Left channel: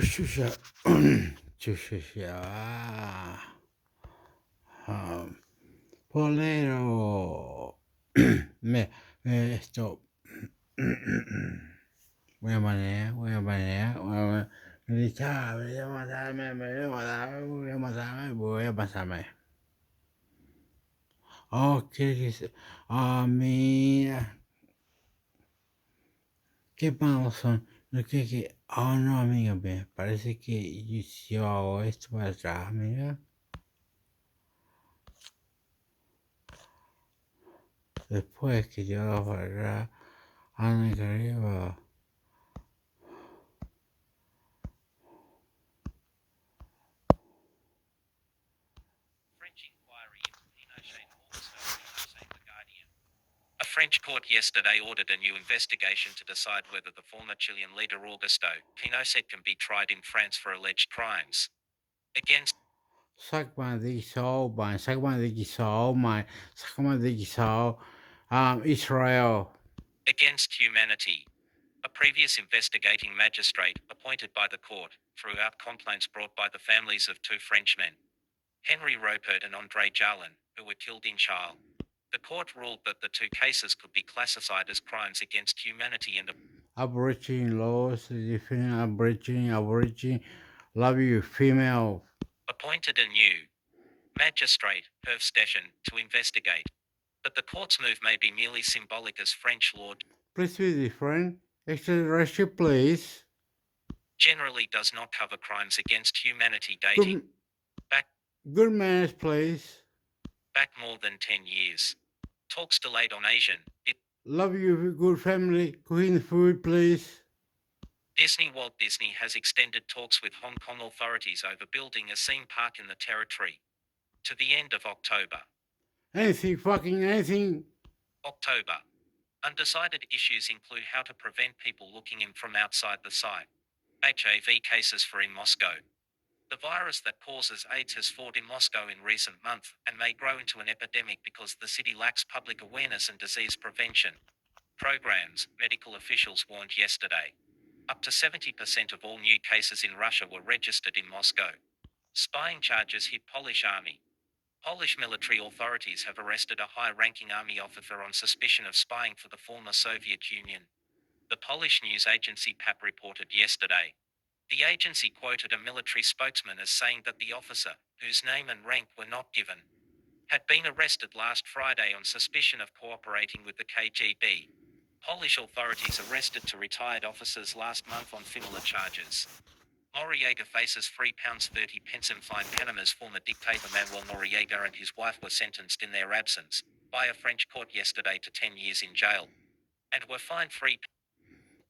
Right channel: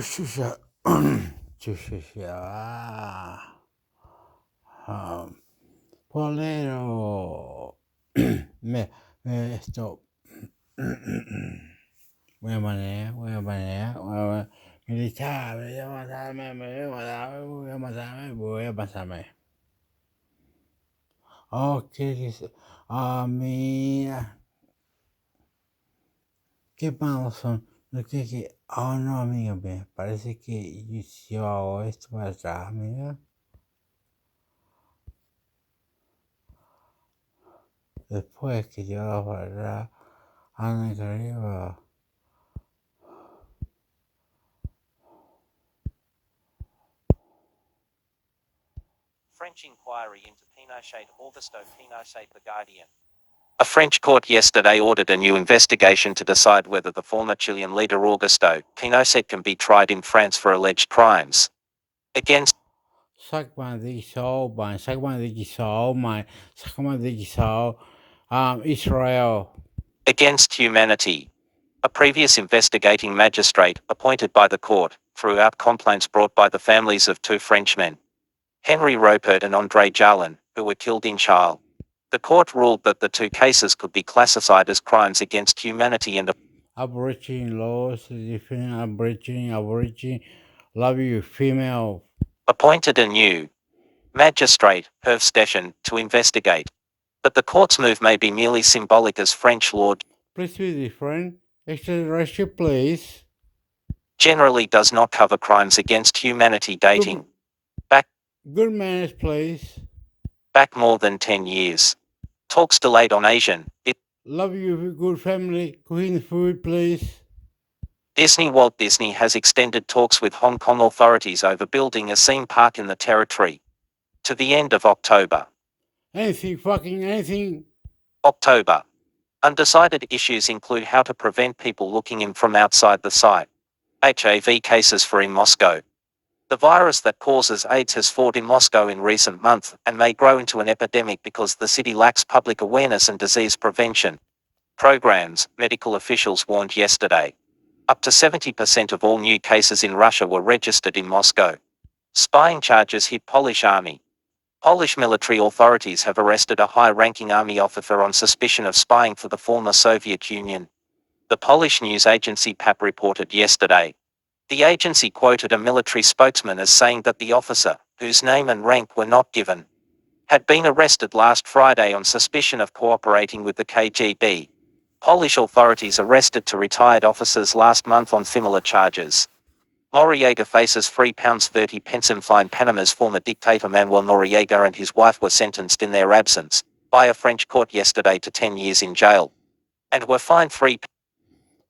Shusha. Shusha. Polero. Esto. Voy a manejar. Me voy a pasarme. Oh, ¿qué dice? Ah, mira. ¿Qué pasa? Oh, no, amiga, me parece que yo hago esto para atrás, amiga. Después que yo hago para atrás, anda que arriba. French inquiry into Pinochet Augusto Pinochet The Guardian. A French court yesterday ordered a new investigation to decide whether the former Chilean leader Augusto Pinochet can be tried in France for alleged crimes against Israel. Against humanity. A previous investigating magistrate, appointed by the court, threw out complaints brought by the families of two Frenchmen, Henri Rupert and André Jarlin, who were killed in Chile. The court ruled that the two cases could be classified as crimes against humanity and Aborigine laws, Aborigine, love you, female. appointed a new magistrate, Herve Stechen, to investigate. But the court's move may be merely symbolic, as French law Please be different. Extraterrestrial, please. generally does not cover crimes against humanity dating Good manners, please. back more than 10 years. Talks delayed on Asian. Love you, good family. Clean food, please. Walt Disney has extended talks with Hong Kong authorities over building a theme park in the territory to the end of October. Anything. October. Undecided issues include how to prevent people looking in from outside the site. HIV cases for in Moscow. The virus that causes AIDS has fought in Moscow in recent months and may grow into an epidemic because the city lacks public awareness and disease prevention programs, medical officials warned yesterday. Up to 70% of all new cases in Russia were registered in Moscow. Spying charges hit Polish army. Polish military authorities have arrested a high-ranking army officer on suspicion of spying for the former Soviet Union. The Polish news agency PAP reported yesterday. The agency quoted a military spokesman as saying that the officer, whose name and rank were not given, had been arrested last Friday on suspicion of cooperating with the KGB. Polish authorities arrested two retired officers last month on similar charges. Noriega faces £3.30 in fine. Panama's former dictator Manuel Noriega and his wife were sentenced in their absence by a French court yesterday to 10 years in jail and were fined £3.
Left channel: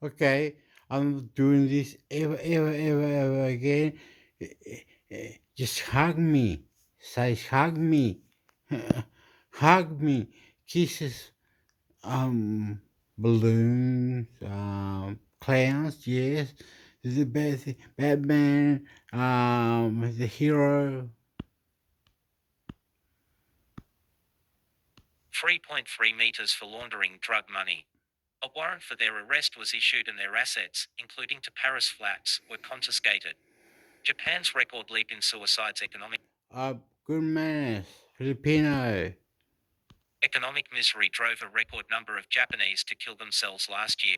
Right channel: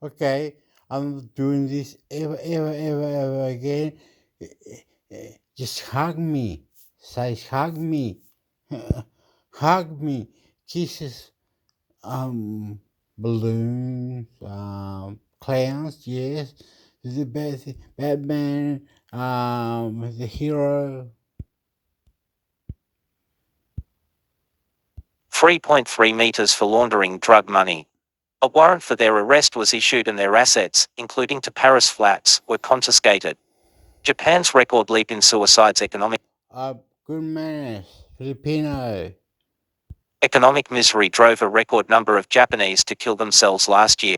Okay, I'm not doing this ever again. Just hug me. Say hug me. Hug me. Kisses. Balloons. Clowns. Yes. The best. Batman. The hero. 3.3 meters for laundering drug money. A warrant for their arrest was issued and their assets, including to Paris flats, were confiscated. Japan's record leap in suicides. Good manners. Filipino. Economic misery drove a record number of Japanese to kill themselves last year.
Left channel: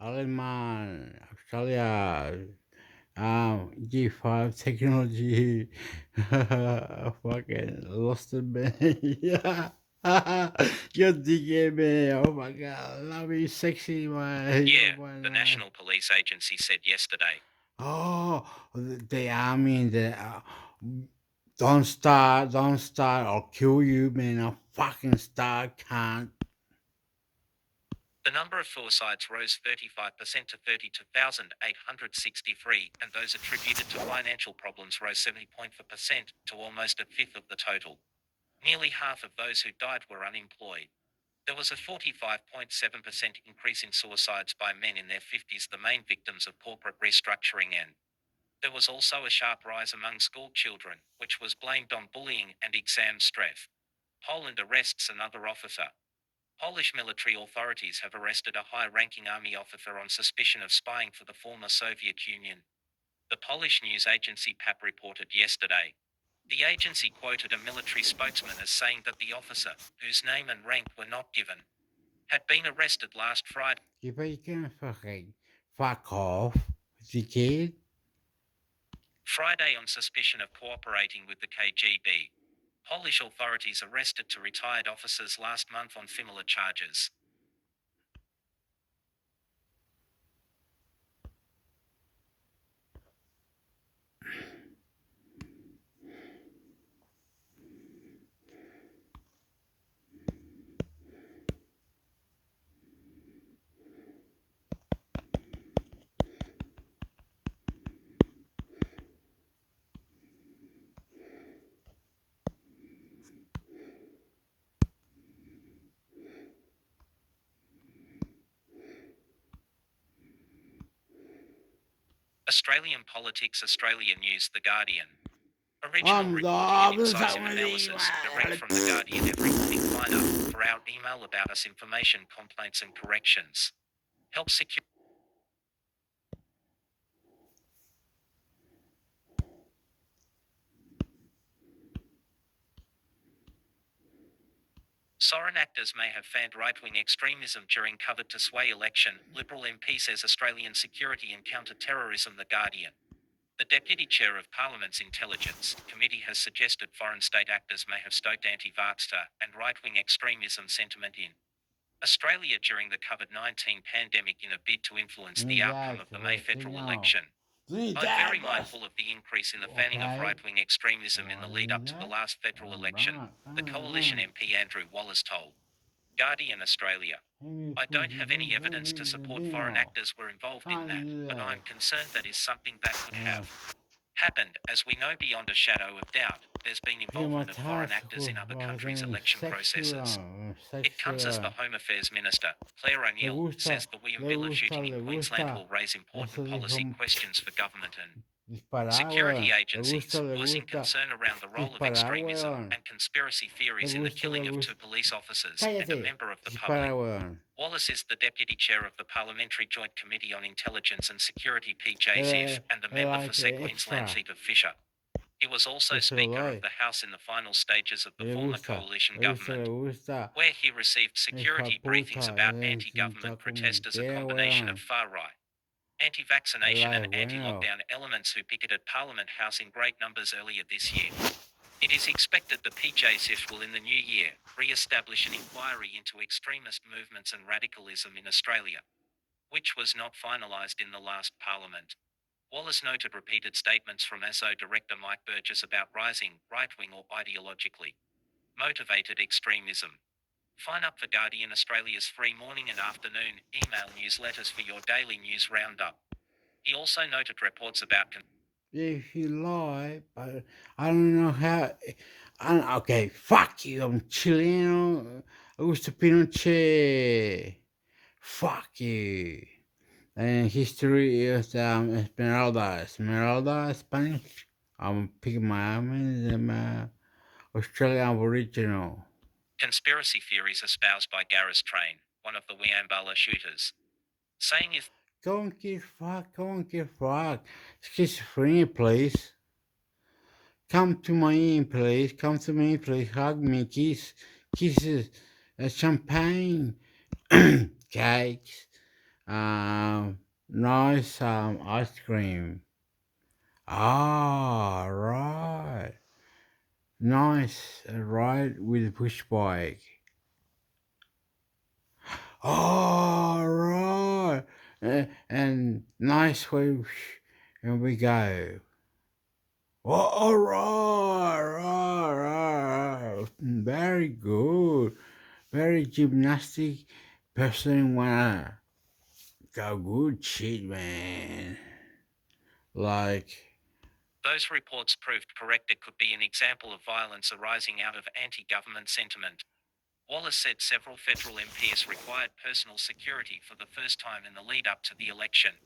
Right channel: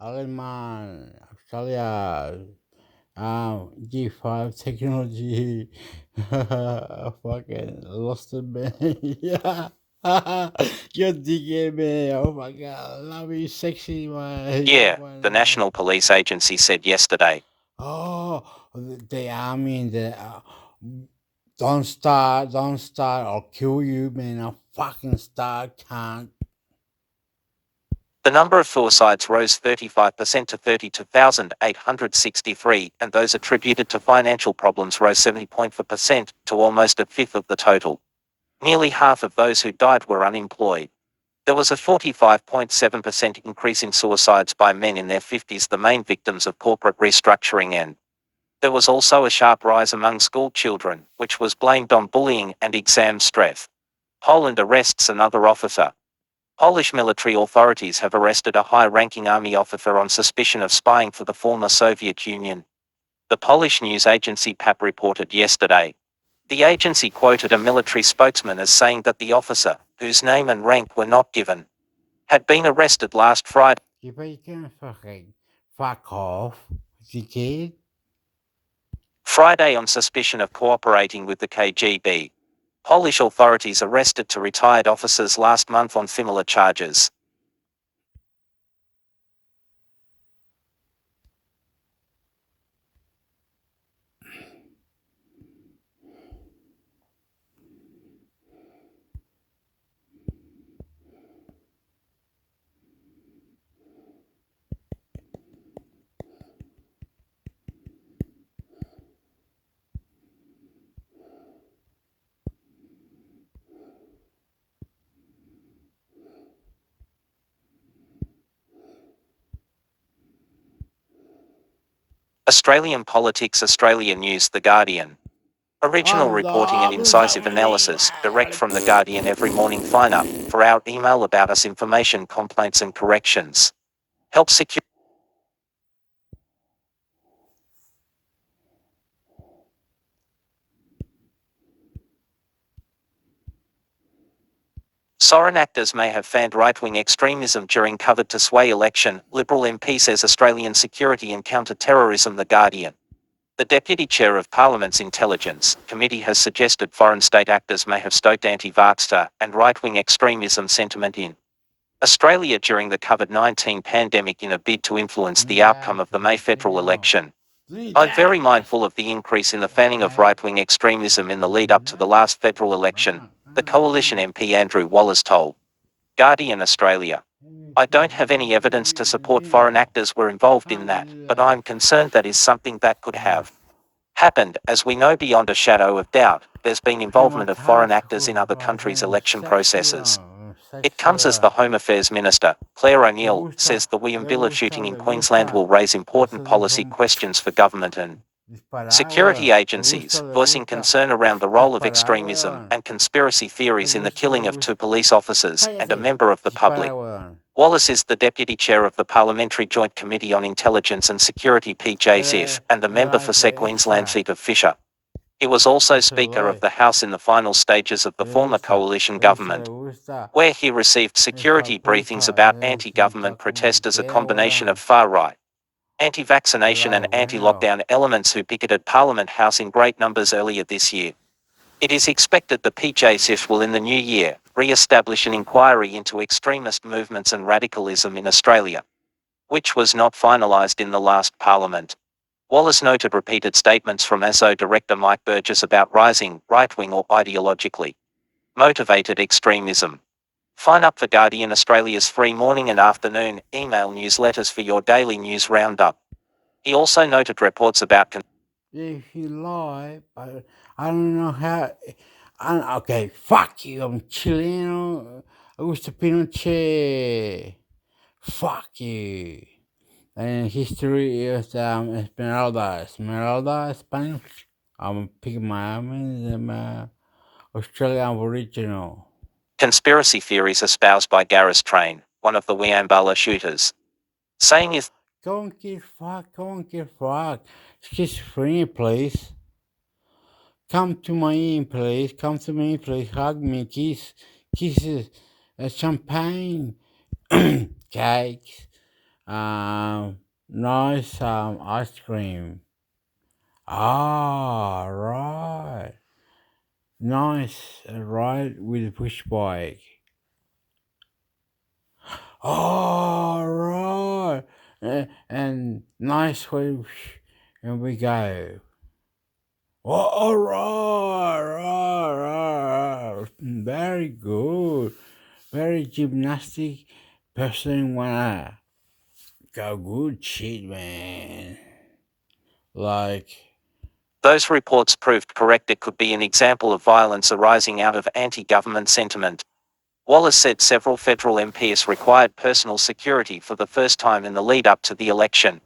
Aleman. Australia. G5 technology. Fucking lost it, man. Yeah. You're digging me. Oh my god. Love you, sexy man. Yeah, the National Police Agency said yesterday. Oh, the army, don't start, I'll kill you, man. I'll fucking start, can't. The number of suicides rose 35% to 32,863, and those attributed to financial problems rose 70.4% to almost a fifth of the total. Nearly half of those who died were unemployed. There was a 45.7% increase in suicides by men in their 50s, the main victims of corporate restructuring, and there was also a sharp rise among school children, which was blamed on bullying and exam stress. Poland arrests another officer. Polish military authorities have arrested a high-ranking army officer on suspicion of spying for the former Soviet Union. the Polish news agency PAP reported yesterday. The agency quoted a military spokesman as saying that the officer, whose name and rank were not given, had been arrested last Friday. You can fucking fuck off, dickhead. Friday on suspicion of cooperating with the KGB. Polish authorities arrested two retired officers last month on similar charges. Australian politics, Australia News, The Guardian. Original reporting and incisive analysis, direct from The Guardian every morning. Sign up for our email about us information, complaints and corrections. Help secure. Foreign actors may have fanned right-wing extremism during covered to sway election, Liberal MP says Australian security and counter-terrorism. The Guardian. The Deputy Chair of Parliament's Intelligence Committee has suggested foreign state actors may have stoked anti-vaxxer and right-wing extremism sentiment in Australia during the COVID-19 pandemic in a bid to influence the outcome of the May federal election. I'm very mindful of the increase in the fanning of right-wing extremism in the lead-up to the last federal election, the Coalition MP Andrew Wallace told Guardian Australia. I don't have any evidence to support foreign actors were involved in that, but I'm concerned that is something that could have happened. As we know beyond a shadow of doubt, there's been involvement of foreign actors in other countries' election processes. It comes as the Home Affairs Minister, Claire O'Neill, says the Williamsburg shooting in Queensland will raise important policy questions for government and security agencies, voicing concern around the role of extremism and conspiracy theories in the killing of two police officers and a member of the public. Wallace is the Deputy Chair of the Parliamentary Joint Committee on Intelligence and Security PJSIF and the member for Queensland seat of Fisher. He was also Speaker of the House in the final stages of the former coalition government, where he received security briefings about anti-government protest as a combination of far-right, anti-vaccination and anti-lockdown elements who picketed Parliament House in great numbers earlier this year. It is expected the PJSIF will in the new year re-establish an inquiry into extremist movements and radicalism in Australia, which was not finalised in the last Parliament. Wallace noted repeated statements from ASO Director Mike Burgess about rising right-wing or ideologically motivated extremism. Sign up for Guardian Australia's free morning and afternoon email newsletters for your daily news roundup. He also noted reports about If you lie, but I don't know how. Okay, fuck you. I'm Chilean. Augusto Pinochet. Fuck you. And history is Esmeralda. Esmeralda, Spanish. I'm picking my I'm Australian Aboriginal. conspiracy theories espoused by Gareth Train, one of the Williamsburg shooters, saying if Don't get fuck. Schizophrenia, please. Come to me, please. Come to me, please. Hug me, kisses, champagne, cakes, nice ice cream. Ah, right. Nice ride with a push bike. Oh, right. And nice way, and we go. Oh, right. Very good. Very gymnastic person wanna go good shit, man. Like, those reports proved correct, it could be an example of violence arising out of anti-government sentiment. Wallace said several federal MPs required personal security for the first time in the lead-up to the election,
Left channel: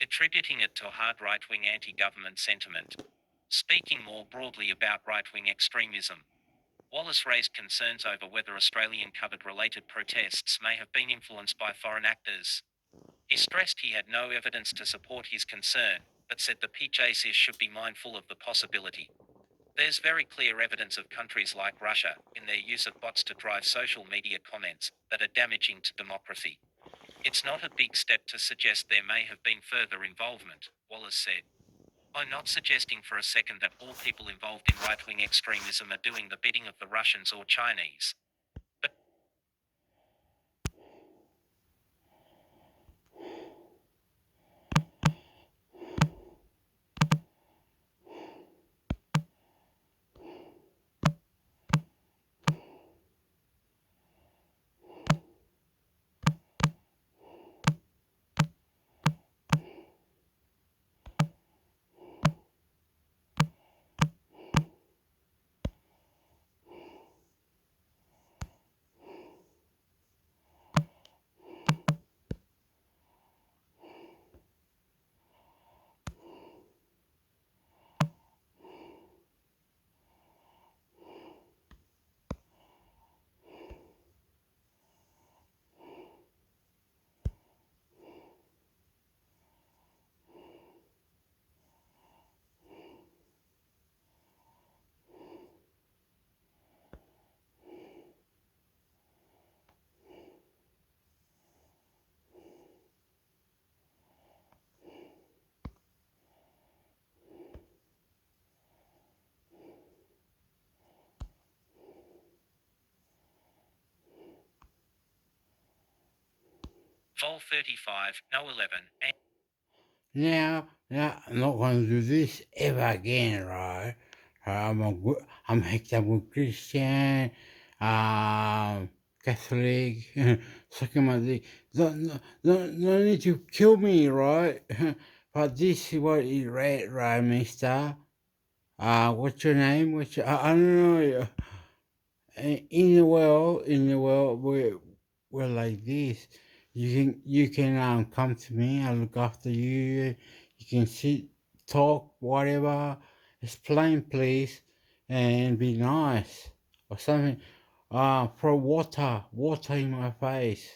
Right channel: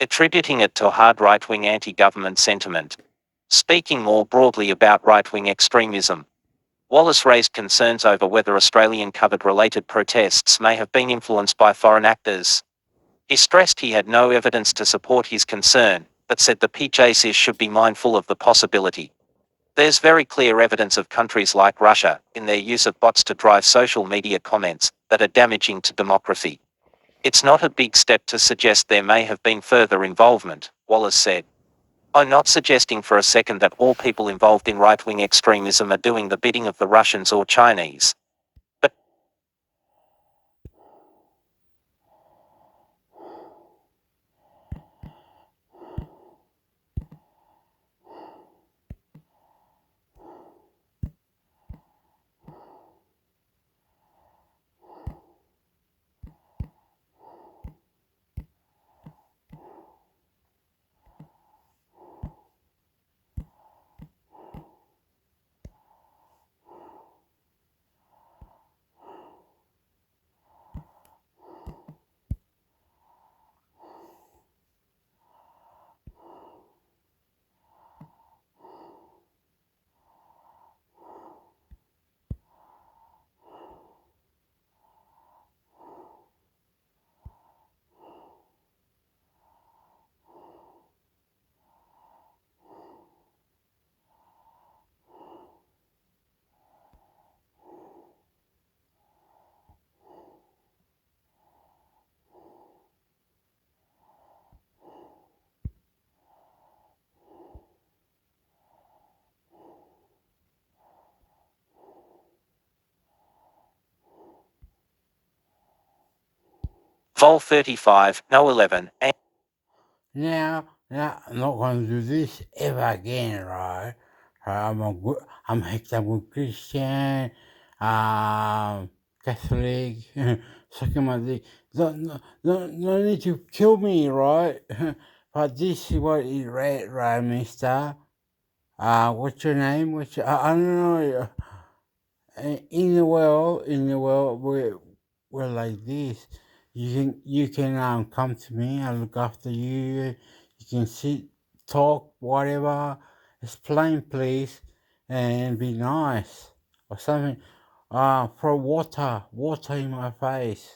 attributing it to hard right-wing anti-government sentiment. Speaking more broadly about right-wing extremism, Wallace raised concerns over whether Australian COVID-related protests may have been influenced by foreign actors. He stressed he had no evidence to support his concern, but said the PJCs should be mindful of the possibility. There's very clear evidence of countries like Russia, in their use of bots to drive social media comments, that are damaging to democracy. It's not a big step to suggest there may have been further involvement, Wallace said. I'm not suggesting for a second that all people involved in right-wing extremism are doing the bidding of the Russians or Chinese. But Vol 35, No 11, and Now, I'm not going to do this ever again, right? I'm a good Christian, Catholic, sucking my dick. No need to kill me, right? But this is what it read, right, mister? What's your name? I don't know. In the world, we're like this. You can come to me. I look after you. You can sit, talk, whatever. Explain, please, and be nice or something. Throw water in my face.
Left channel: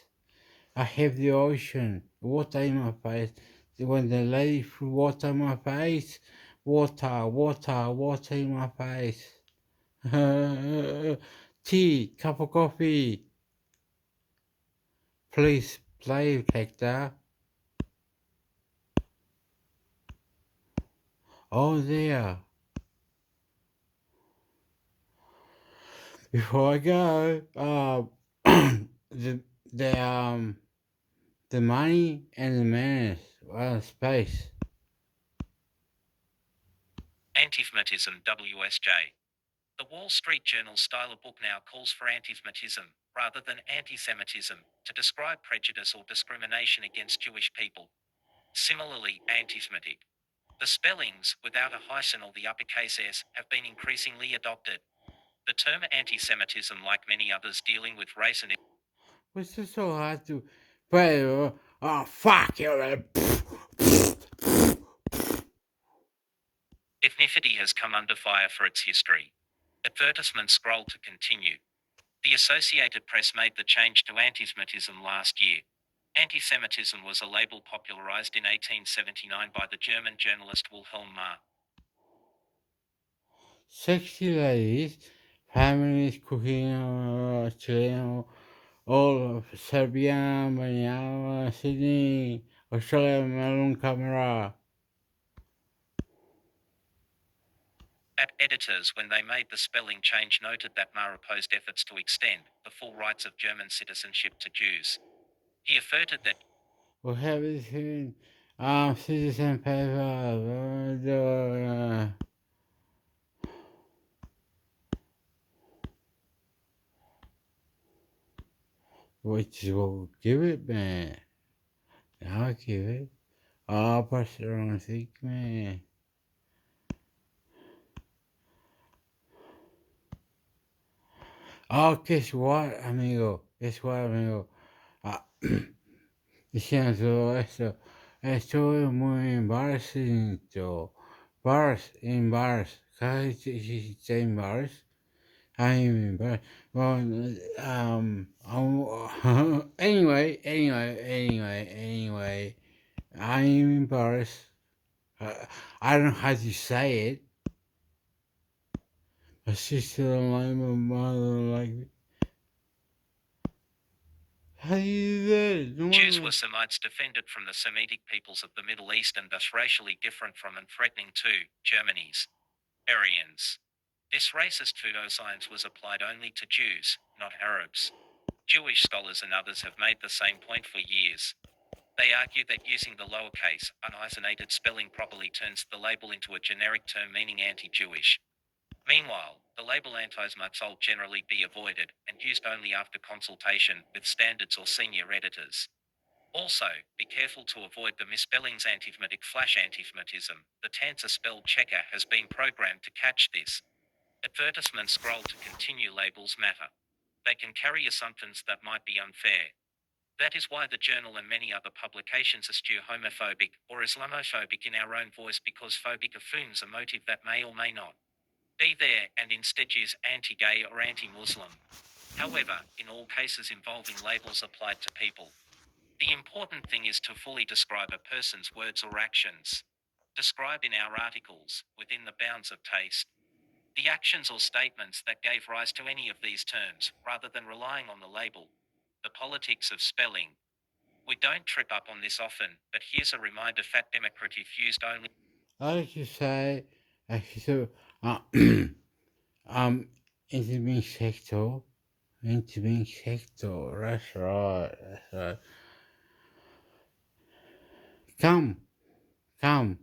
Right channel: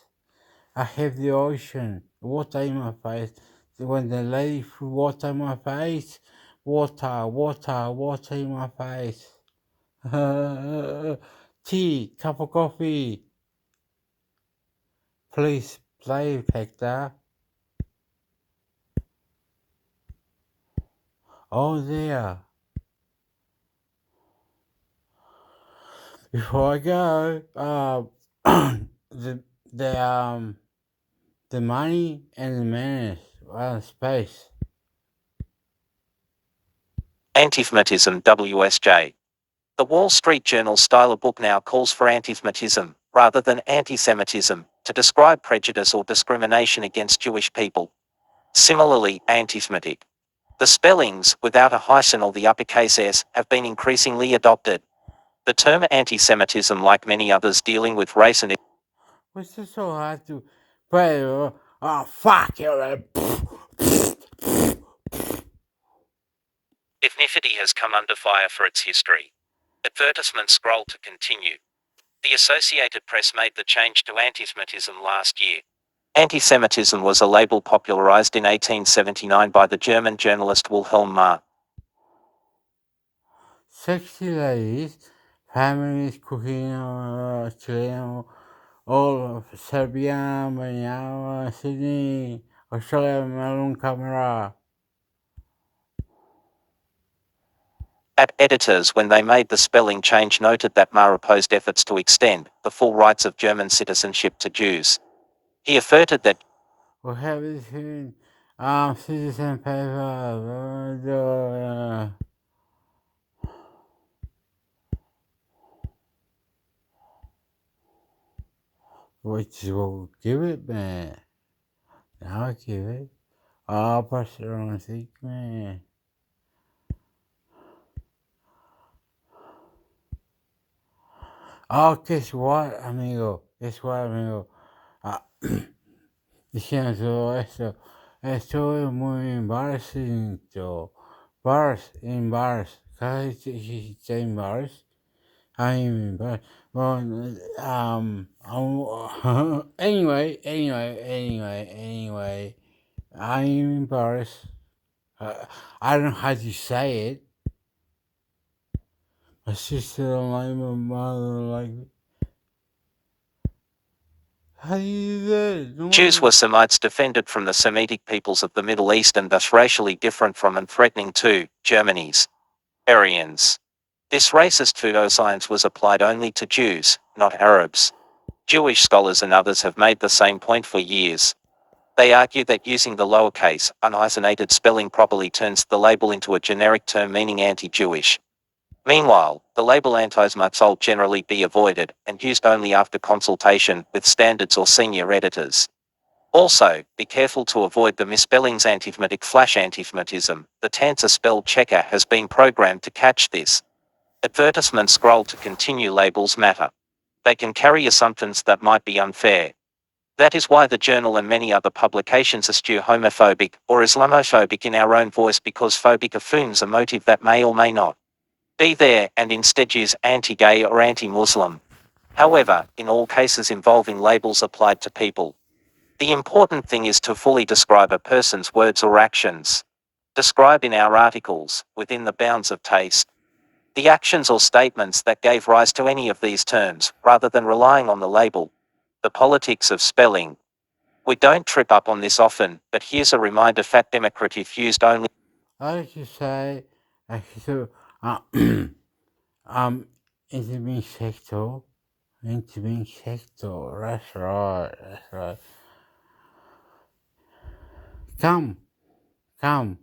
I have the ocean, water in my face. When the lady threw water in my face, water in my face. Tea, cup of coffee. Please play, Hector. Oh, there. Before I go, the the um the money and the manners, space. anti-Semitism WSJ. The Wall Street Journal style book now calls for anti-Semitism, rather than anti-Semitism, to describe prejudice or discrimination against Jewish people. Similarly, anti-Semitic. The spellings, without a hyphen or the uppercase S, have been increasingly adopted. The term anti-Semitism, like many others dealing with race and What's it so hard to play? Oh, fuck you. ethnicity, has come under fire for its history. Advertisement scroll to continue. The Associated Press made the change to anti-Semitism last year. Anti-Semitism was a label popularized in 1879 by the German journalist Wilhelm Marr. Sexy ladies, families cooking, Chilean, all of Serbia, Manila, Sydney, Australia, Melbourne, camera. At editors, when they made the spelling change, noted that Marr opposed efforts to extend the full rights of German citizenship to Jews. He asserted that We have this in citizen paper, which will give it, man. I'll give it. I'll pass it on sick, man. Oh, guess what, amigo? Guess what, amigo? Ah, diciendo esto es muy embarrassing, embarrassed, casi se embarrassed. I'm embarrassed. Well, anyway, I'm embarrassed. I don't know how to say it. My sister don't like me, my mother don't like me. How do you do that? No Jews were one... Semites defended from the Semitic peoples of the Middle East and thus racially different from and threatening to Germany's Aryans. This racist pseudoscience was applied only to Jews, not Arabs. Jewish scholars and others have made the same point for years. They argue that using the lowercase, unhyphenated spelling properly turns the label into a generic term meaning anti-Jewish. Meanwhile, the label anti-Semitic generally be avoided and used only after consultation with standards or senior editors. Also, be careful to avoid the misspellings antisemitic flash antisemitism. The Tanzer spell checker has been programmed to catch this. Advertisements scroll to continue labels matter. They can carry assumptions that might be unfair. That is why the journal and many other publications eschew homophobic or Islamophobic in our own voice, because phobic affirms a motive that may or may not be there and instead use anti-gay or anti-Muslim. However, in all cases involving labels applied to people, the important thing is to fully describe a person's words or actions. Describe in our articles, within the bounds of taste, the actions or statements that gave rise to any of these terms, rather than relying on the label. The politics of spelling. We don't trip up on this often, but here's a reminder: fat democratic used only. I like to say, so, uh, into being sexual. Into being sexual. That's right, that's right. Come, come,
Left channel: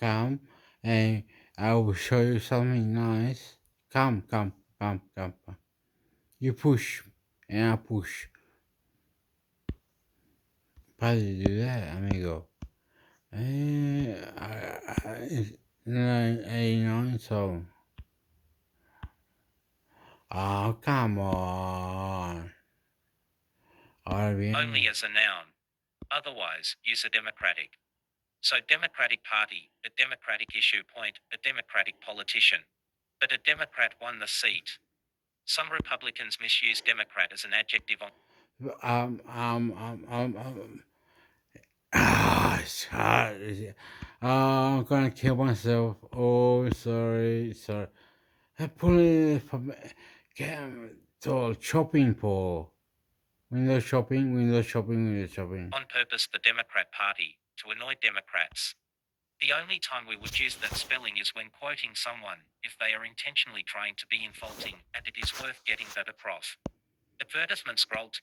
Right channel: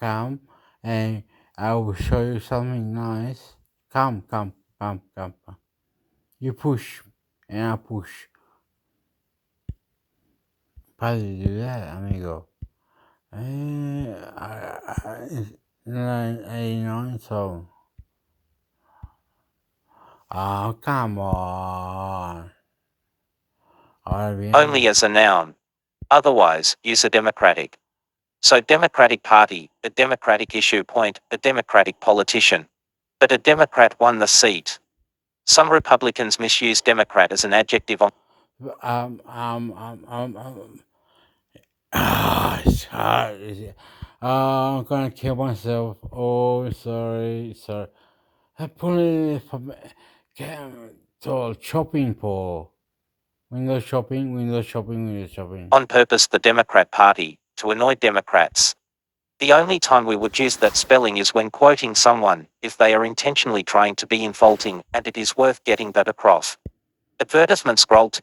come, and I will show you something nice. Come, come, come, come, come. You push, and I push. How do you do that, amigo? It's 89, so... Oh, come on. Ahora Only bien. as a noun. Otherwise, use a democratic. So Democratic Party, a Democratic issue point, a Democratic politician. But a Democrat won the seat. Some Republicans misuse Democrat as an adjective on Um, um, um, um, um. It's hard. I'm gonna kill myself. Oh, sorry, sorry. I put it from to shopping for window shopping, window shopping, window shopping. purpose the Democrat Party, to annoy Democrats. The only time we would use that spelling is when quoting someone, if they are intentionally trying to be insulting, and it is worth getting that across. Advertisement scroll to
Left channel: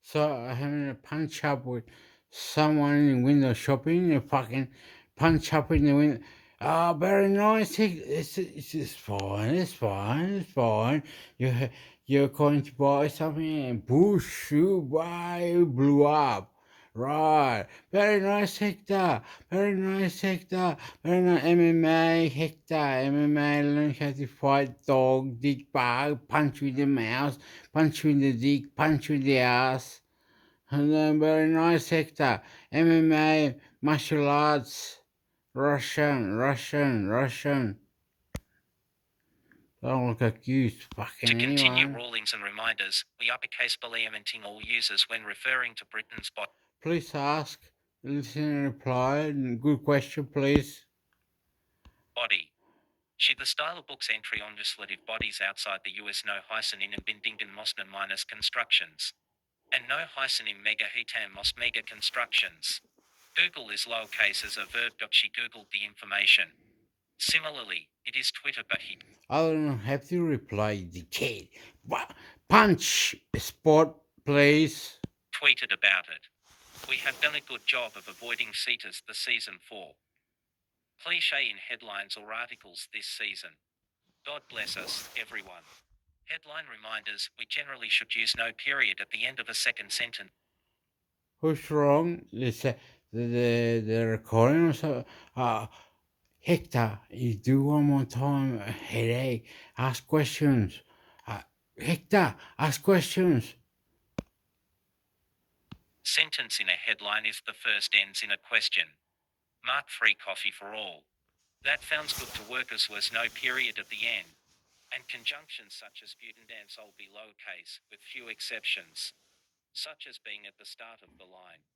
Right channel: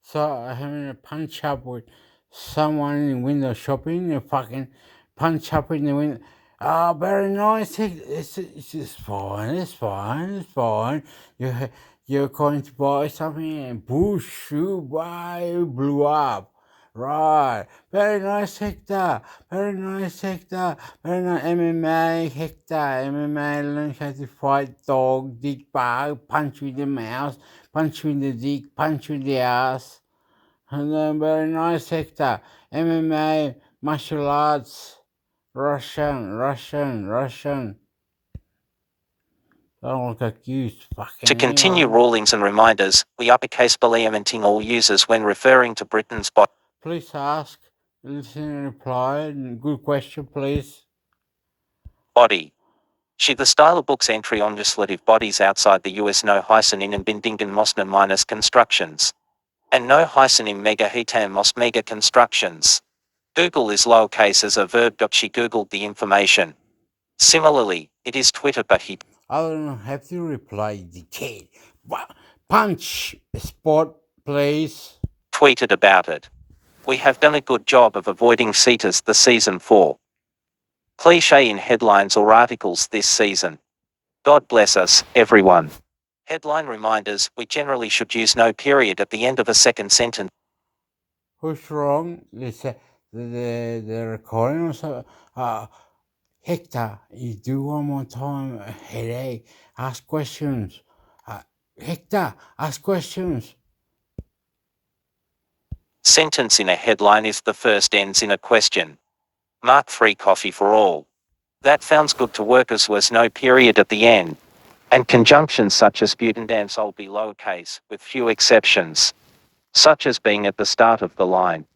So I having a punch up with someone in window shopping, and fucking punch up in the window. Oh, very nice. It's fine. It's fine. It's fine. You're going to buy something and push you by you blew up. Right. Very nice, Hector. Very nice, Hector. Very nice MMA, Hector. MMA, learn how to fight dog, dick bug, punch with the mouse, punch with the dick, punch with the ass. And then very nice, Hector. MMA, martial arts, Russian. Don't look accused, fucking continue anyone. rulings and reminders, we uppercase beliamenting all users when referring to Britain's body. Please ask, listen and reply. Good question, please. She the style of book's entry on legislative bodies outside the US, no hyphen in and bindingen mosna minus constructions. And no hyphen in mega hitam mos mega constructions. Google is lowercase as a verb. She Googled the information. Similarly, it is Twitter, but he I don't know, have to reply the kid. Punch spot, please. tweeted about it. We have done a good job of avoiding CETAs the season 4 cliche in headlines or articles this season. God bless us, everyone. Headline reminders: we generally should use no period at the end of a second sentence. Who's wrong? The recording or so. Hector, you do one more time. Headache. Ask questions. Hector, ask questions. Sentence in a headline if the first ends in a question. Mark free coffee for all. That sounds good to workers. Was no period at the end. And conjunctions such as but and all be lowercase, with few exceptions, such as being at the start of the line.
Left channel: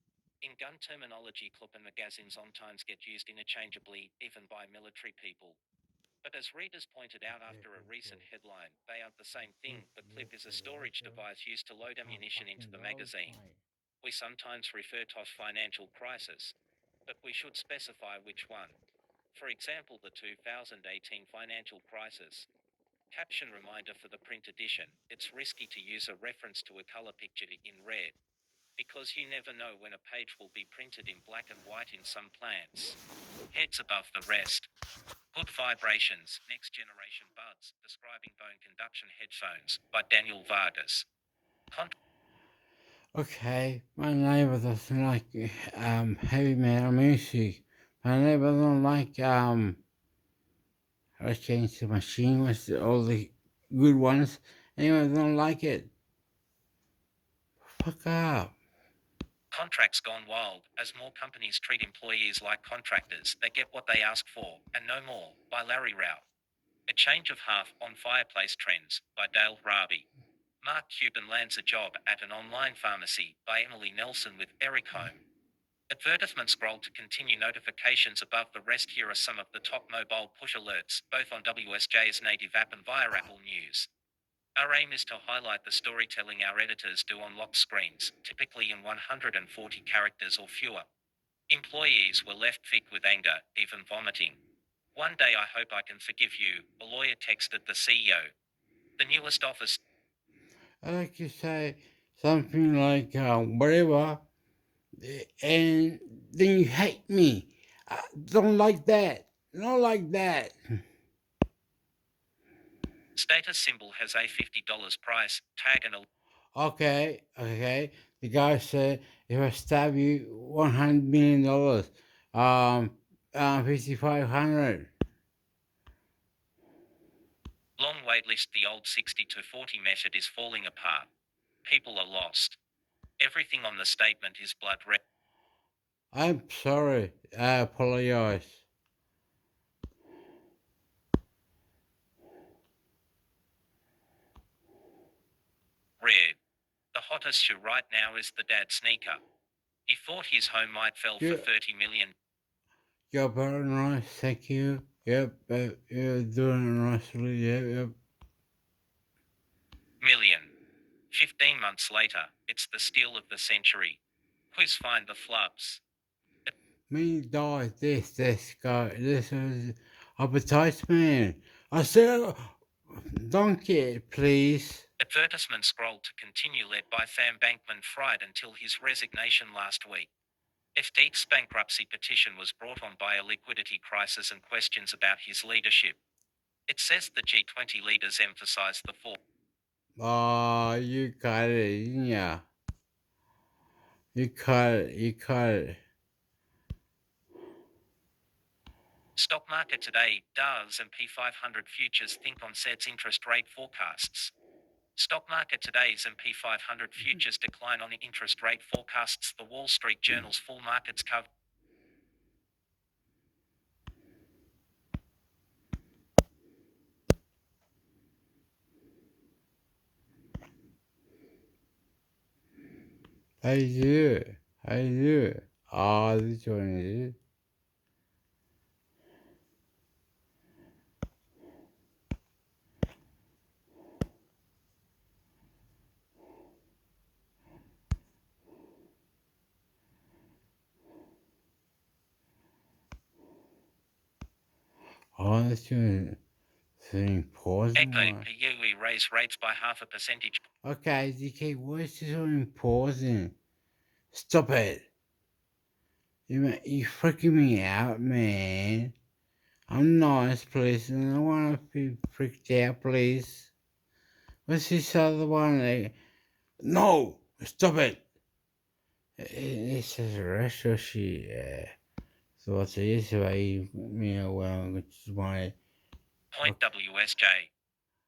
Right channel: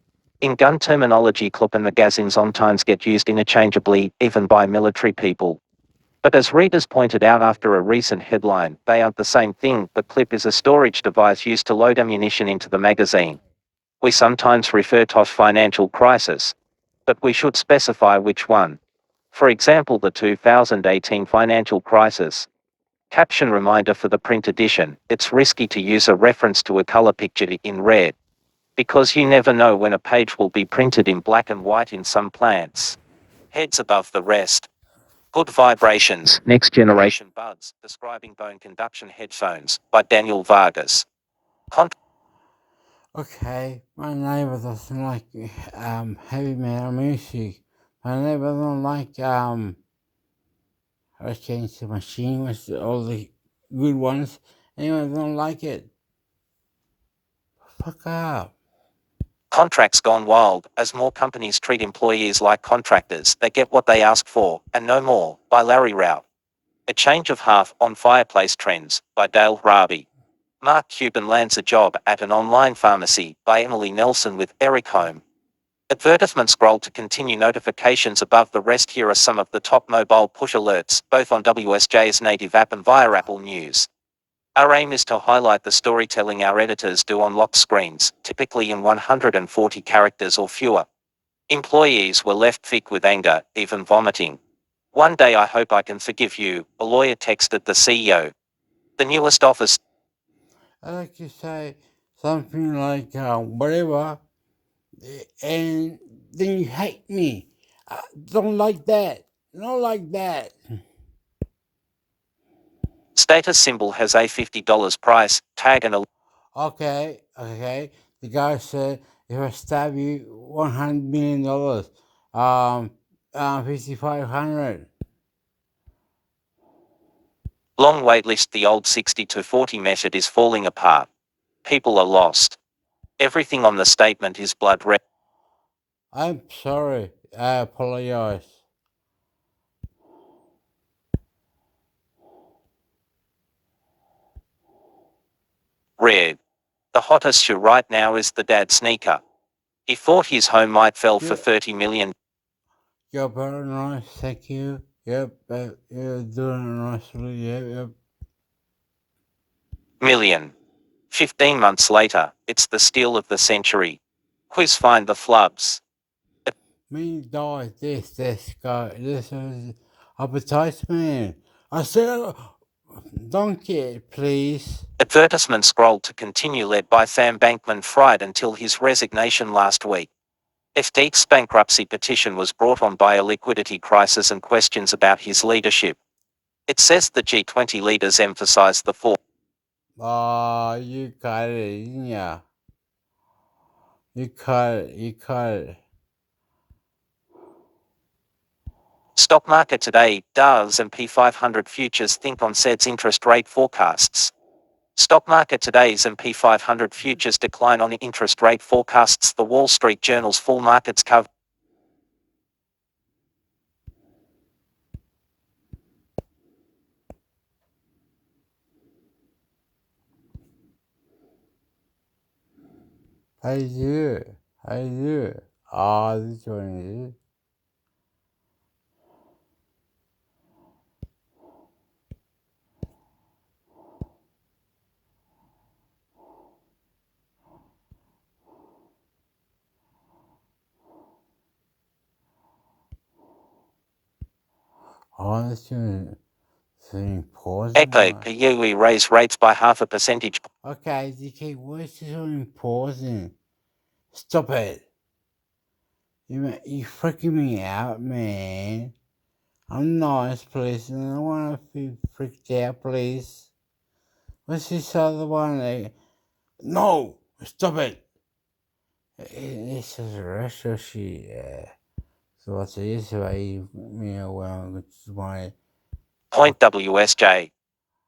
In gun terminology, Club and magazine sometimes get used interchangeably, even by military people. But as readers pointed out after a recent headline, they aren't the same thing. The clip is a storage device used to load ammunition into the magazine. We sometimes refer to a financial crisis, but we should specify which one. For example, the 2018 financial crisis. Caption reminder for the print edition: it's risky to use a reference to a color picture in red, because you never know when a page will be printed in black and white in some plants. Heads above the rest. Good vibrations, next generation buds, describing bone conduction headphones, by Daniel Vargas. Okay, my neighbor doesn't like heavy metal music. My neighbor don't like Against the Machine with all the good ones. Anyway, don't like it. Fuck up. Contracts gone wild. As more companies treat employees like contractors, they get what they ask for, and no more, by Larry Rao. A Change of Heart on Fireplace Trends, by Dale Rabi. Mark Cuban lands a job at an online pharmacy, by Emily Nelson with Eric Home. Advertisement scroll to continue notifications above the rest. Here are some of the top mobile push alerts, both on WSJ's native app and via Apple News. Our aim is to highlight the storytelling our editors do on locked screens, typically in 140 characters or fewer. Employees were left thick with anger, even vomiting. One day I hope I can forgive you, a lawyer texted the CEO. The newest office. I like to say something like whatever, and then you hate me. I don't like that. Not like that. Status symbol has a $50 price tag and a Okay, okay. The guy said, if I stab you, $100 million, 5,500. long wait list. The old 60 to 40 method is falling apart. People are lost. Everything on the statement is blood red. I'm sorry. I apologize. Red. The hottest shoe right now is the dad sneaker. He thought his home might sell for Yeah. 30 million. You're very nice. Thank you. Yep, you're doing nicely. Yep. Million. 15 months later, it's the steal of the century. Quiz find the flubs. Me die. This guy. This is advertisement. I said, donkey, please. Advertisement scroll to continue, led by Sam Bankman-Fried until his resignation last week. FTX's bankruptcy petition was brought on by a liquidity crisis and questions about his leadership. It says the G20 leaders emphasized the four. Oh, you got it. Yeah. You cut it. You cut it. Stock market today, Dow's S&P 500 futures think on Fed's interest rate forecasts. Stock market today's S&P 500 futures decline on interest rate forecasts. The Wall Street Journal's full markets cover. How you do it? How you do it? Ah, this one is. Oh, this one is important. Echo, PUE raise rates by 0.5 percentage. Okay, DK, why is this so important? Stop it. You freaking me out, man. I'm nice, please, and I don't want to be freaked out, please. What's this other one? No! Stop it! This is retro shit. So what's this way? Well, it's my. Point WSJ.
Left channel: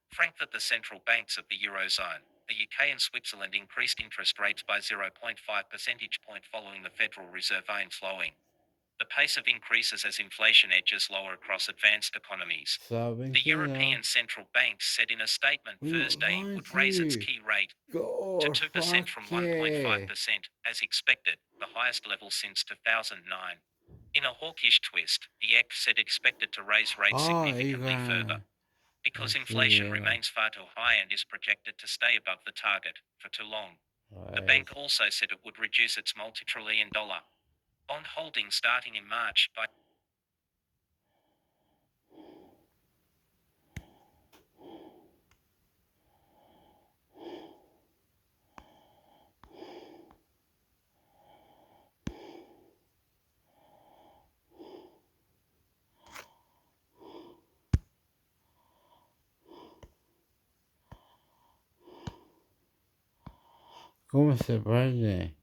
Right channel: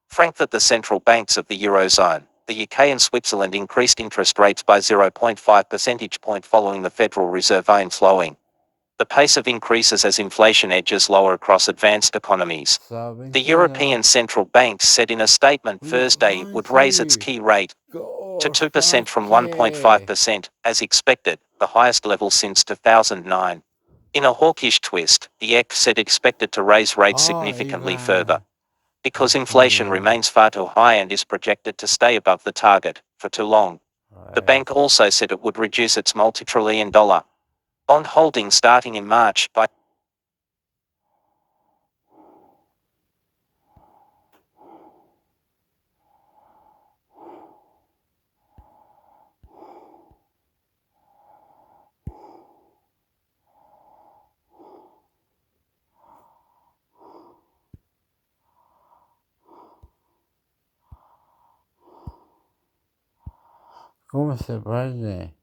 Frankfurt. The central banks of the Eurozone, the UK and Switzerland increased interest rates by 0.5 percentage point following the Federal Reserve slowing. The pace of increases as inflation edges lower across advanced economies. Sabi The ko na, European Central Bank said in a statement we not Thursday it lying would to raise its you. key rate to Go 2% fuck from yeah. 1.5%, as expected, the highest level since 2009. In a hawkish twist, the EC said expected to raise rates Oh, significantly further, Ivan. because inflation Yeah. remains far too high and is projected to stay above the target for too long. The Right. bank also said it would reduce its multi-trillion dollar bond holding starting in March by ¿Cómo se puede?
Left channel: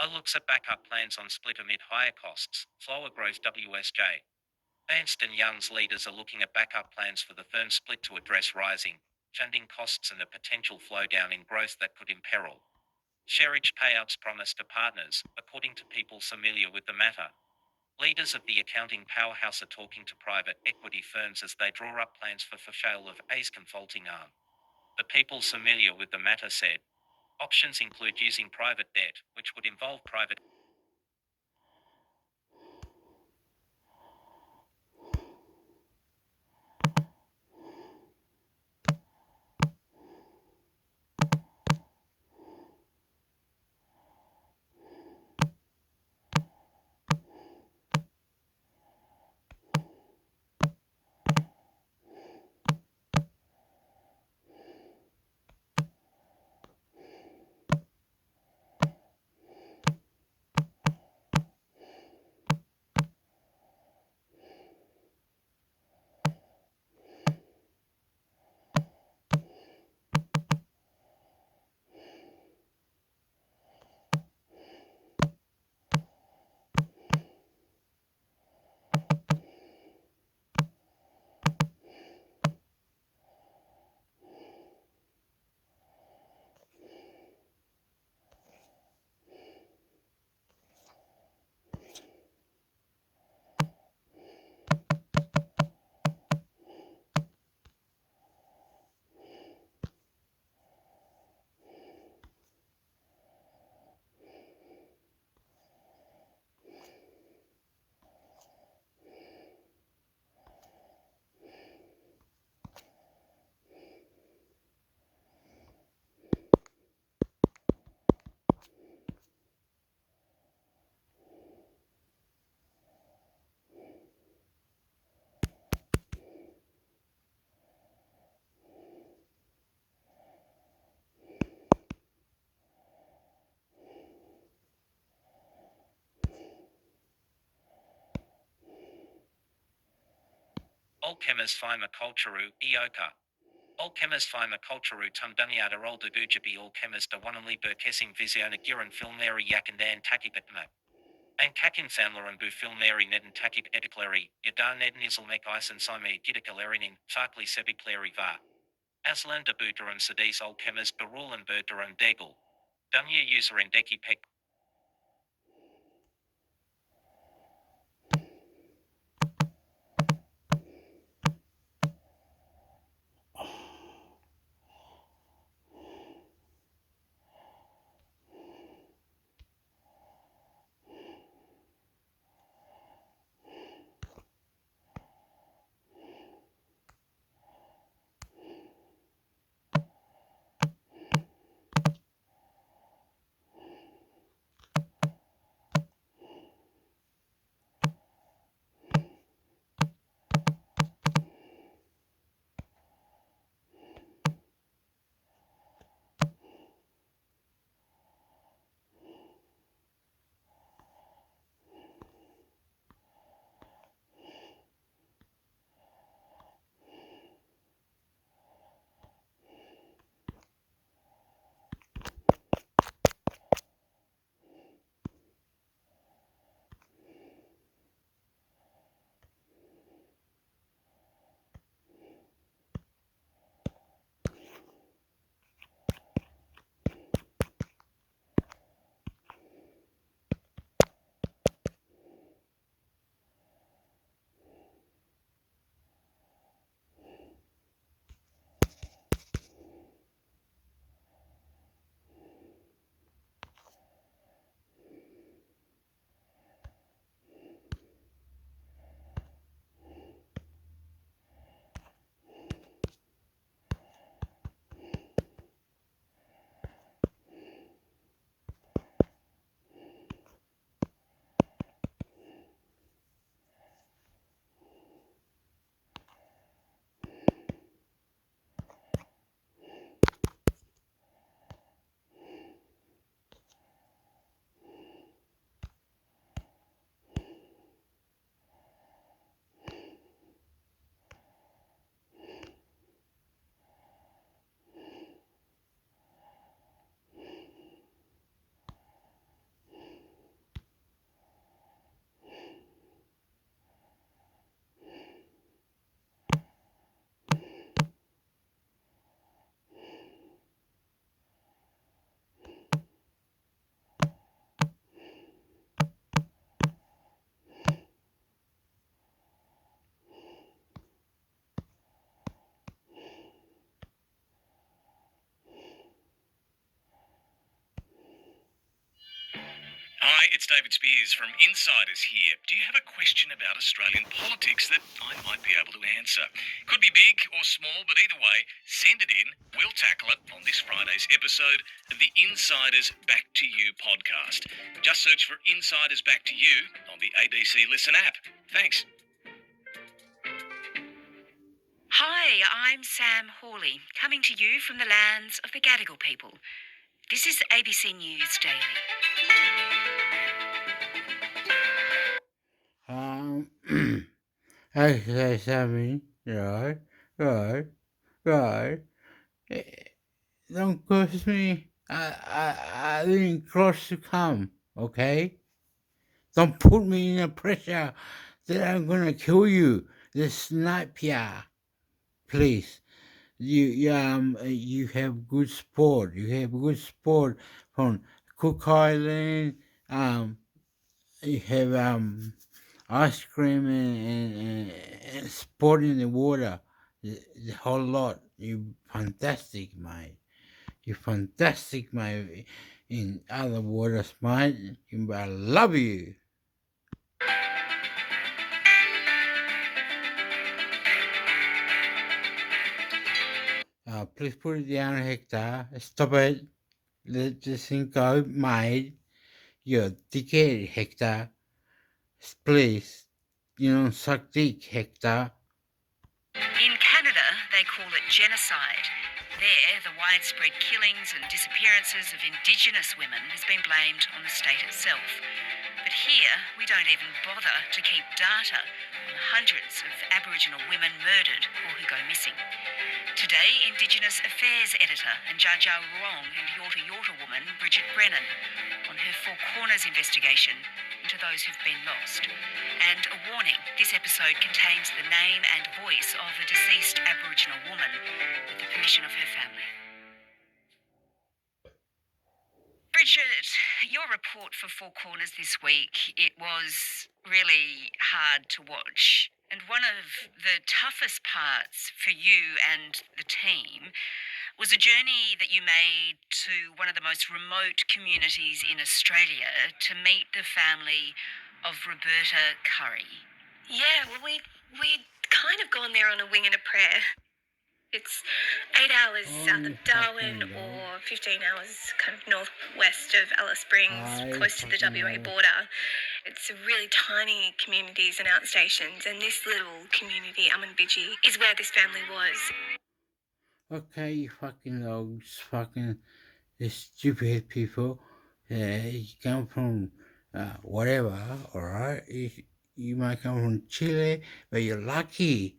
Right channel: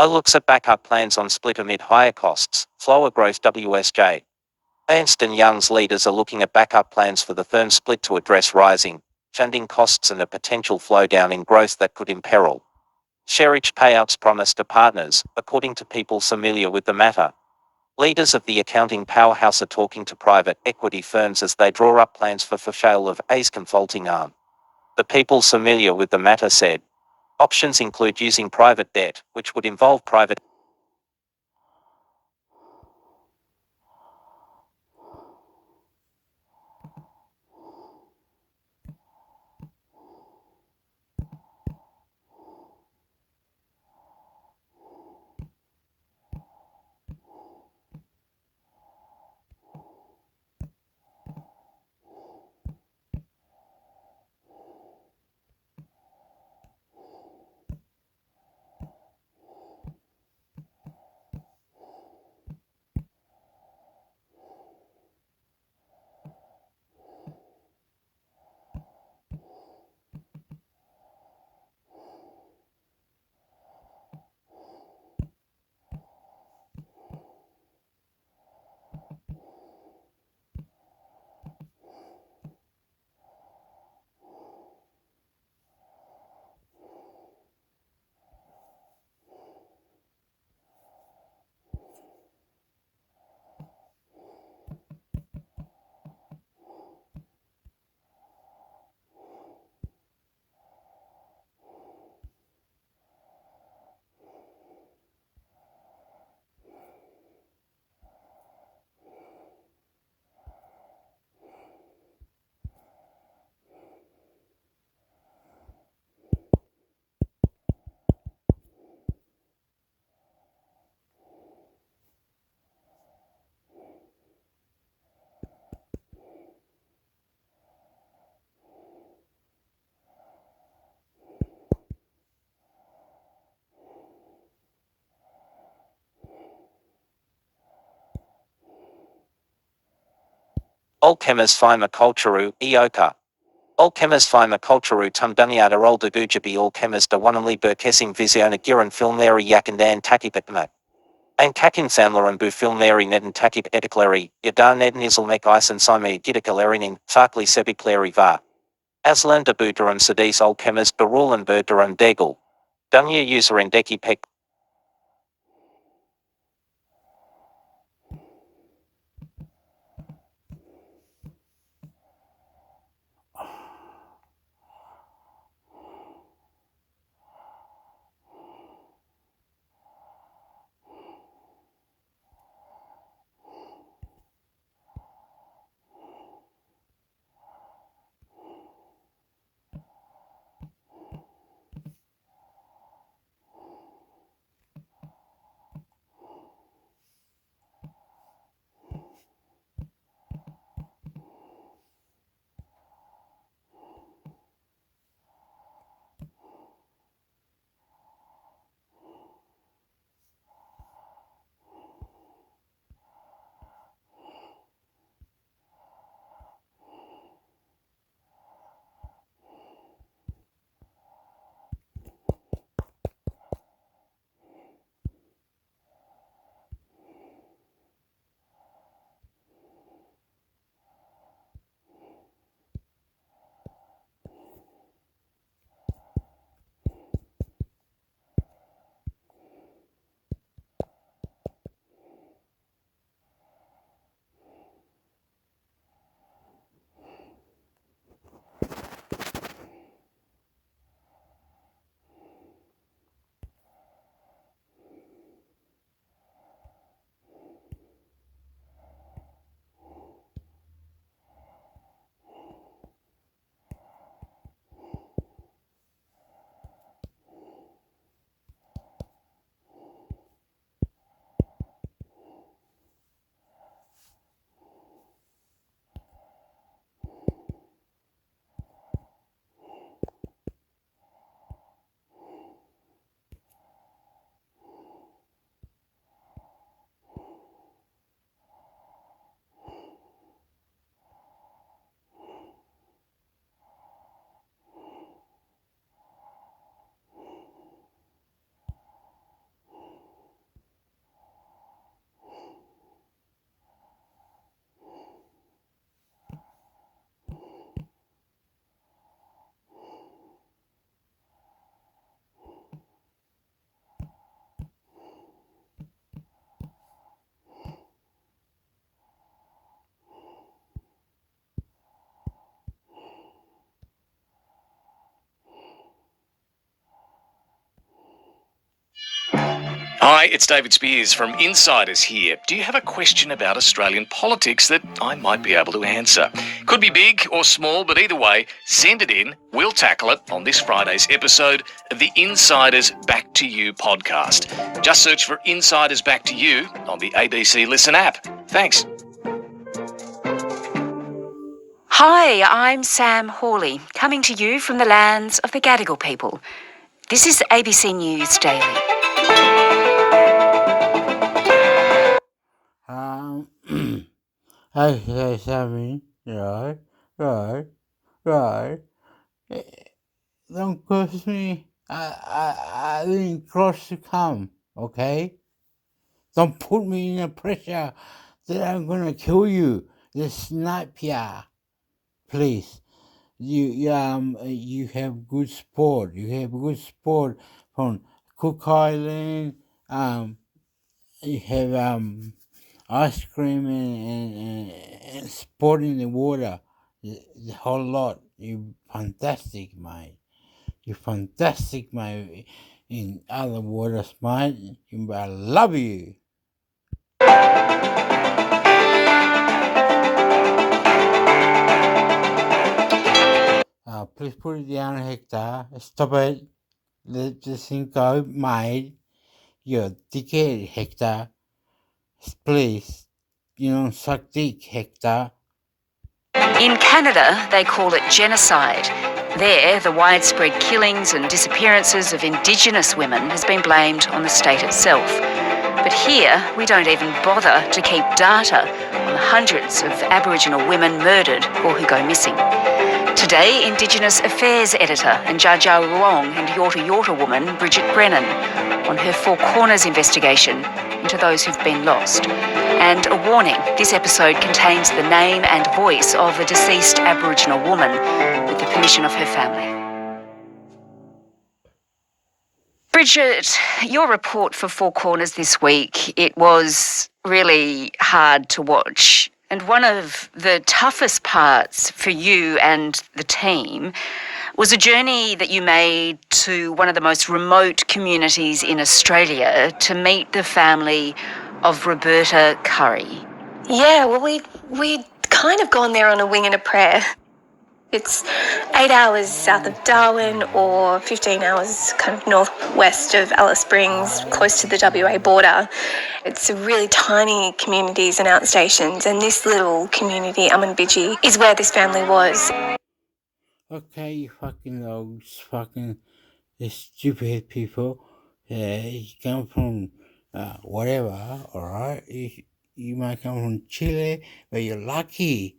looks at backup plans on split amid higher costs, slower growth WSJ. Ernst & Young's leaders are looking at backup plans for the firm split to address rising funding costs and a potential slowdown in growth that could imperil share-rich payouts promised to partners, according to people familiar with the matter. Leaders of the accounting powerhouse are talking to private equity firms as they draw up plans for sale of A's consulting arm. The people familiar with the matter said, options include using private debt, which would involve private Olkemas Fima Culturu, Eoka. Olkemas Fima Culturu Tumduniata Oldagujabi Olkemas Dawanali Burkesim Visiona Giran Filmleri Yakandan Takipatma. Ein Kakin Samlaran Bu Filmleri Neden Takip Etikleri, Yadar Neden Islmek Isen Sime Gidikalerinin, Farkli Sebikleri Va. Aslan de Budaran Sadis Olkemas Barulan Burdaran Degel. Dunya user Endeki Pek. Hi, it's David Spears from Insiders here. Do you have a question about Australian politics that I might be able to answer? Could be big or small, but either way, send it in. We'll tackle it on this Friday's episode of the Insiders Back to You podcast. Just search for Insiders Back to You on the ABC Listen app. Thanks. Hi, I'm Sam Hawley, coming to you from the lands of the Gadigal people. This is ABC News Daily. I say something, right? Eh, Don't curse me. I didn't cross to come, okay? Don't put me in a pressure that I'm gonna kill you. The snipe ya, please. You have good sport. You have good sport from Cook Island. You have ice cream and sport in the water. The whole lot. You fantastic, mate. You fantastic, mate. In other waters, mate. I love you. Please put it down, Hector. Stop it. Let this thing go, mate. You're a dickhead, Hector. Please. You don't suck dick, Hector. In Canada, they call it genocide. There, the widespread killings and disappearances of Indigenous women has been blamed on the state itself. But here, we don't even bother to keep data on the hundreds of Aboriginal women murdered or who go missing. Today, Indigenous Affairs Editor and Dja Dja Wurrung and Yorta Yorta woman Bridget Brennan on her Four Corners investigation into those who've been lost. And a warning, this episode contains the name and voice of a deceased Aboriginal woman with the permission of her family. Bridget, your report for Four Corners this week, it was really hard to watch. And one of the toughest parts for you and the team was a journey that you made to one of the most remote communities in Australia to meet the family of Roberta Curry. Yeah, well, we'd kind of gone there on a wing and a prayer. It's 8 hours south of Darwin or 15 hours kind of northwest of Alice Springs, close to the WA border. It's really tiny communities and outstations, and this little community, Amunbiji, is where this family was. Okay, you fucking dogs, fucking stupid people. You come from whatever, alright? You might come from Chile, but you're lucky.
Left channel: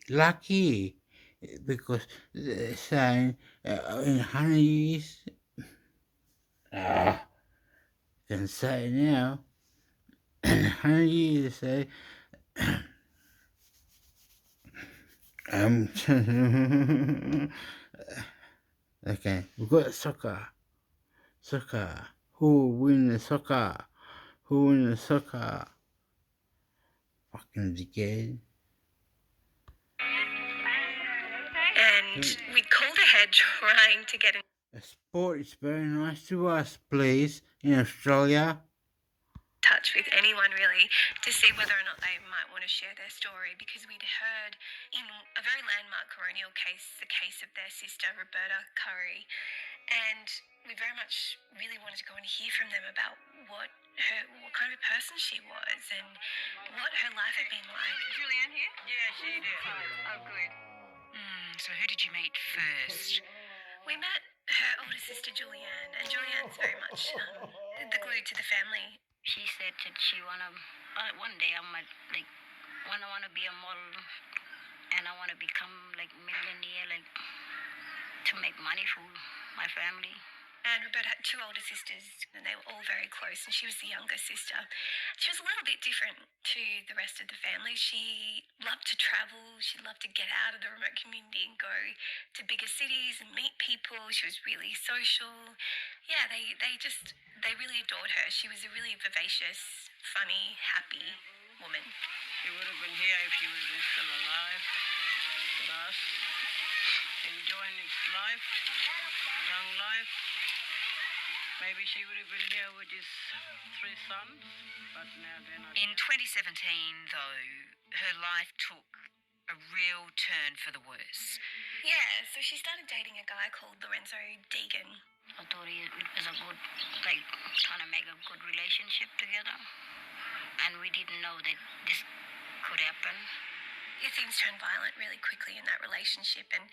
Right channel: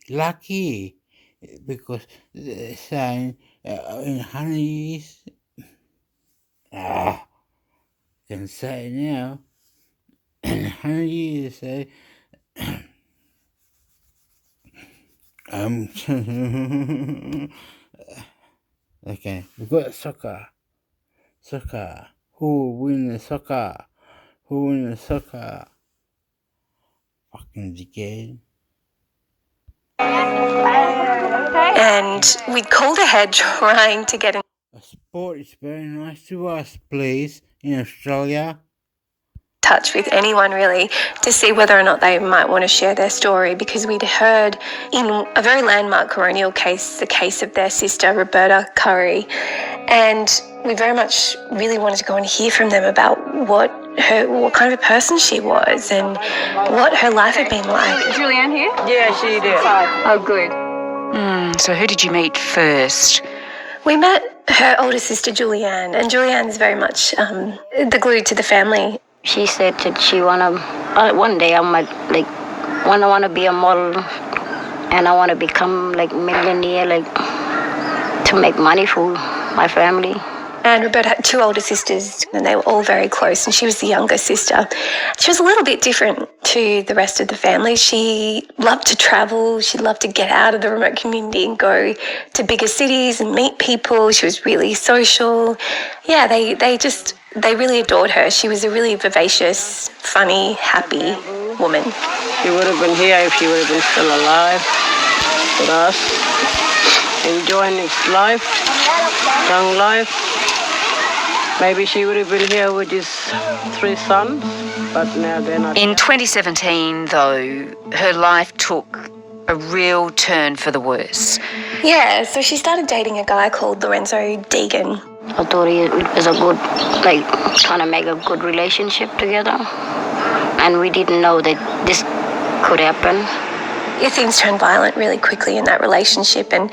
Because they're saying in 100 years, can say it now, in 100 years, say, okay, we've got soccer. Who will win the soccer? Fucking dickhead. And we'd called ahead trying to get in Sport is very nice to us, please, in Australia. touch with anyone really to see whether or not they might want to share their story, because we'd heard in a very landmark coronial case, the case of their sister Roberta Curry, and we very much really wanted to go and hear from them about what kind of a person she was and what her life had been like. Is Julianne here? Yeah, she did. Oh, good. So who did you meet first? We met her older sister Julianne, and Julianne's very much the glue to the family. She said that she one day I might wanna be a model, and I wanna become millionaire, to make money for my family. And Roberta had two older sisters, and they were all very close, and she was the younger sister. She was a little bit different to the rest of the family. She loved to travel. She loved to get out of the remote community and go to bigger cities and meet people. She was really social. Yeah, they really adored her. She was a really vivacious, funny, happy woman. She would have been here if she would have been still alive with us, enjoying his life, young life. Maybe she would have been here with his 3 sons, but now they're not. In 2017, though, her life took a real turn for the worse. Yeah, so she started dating a guy called Lorenzo Deegan. I thought it was a good, like, trying to make a good relationship together. And we didn't know that this could happen. Yeah, things turned violent really quickly in that relationship, and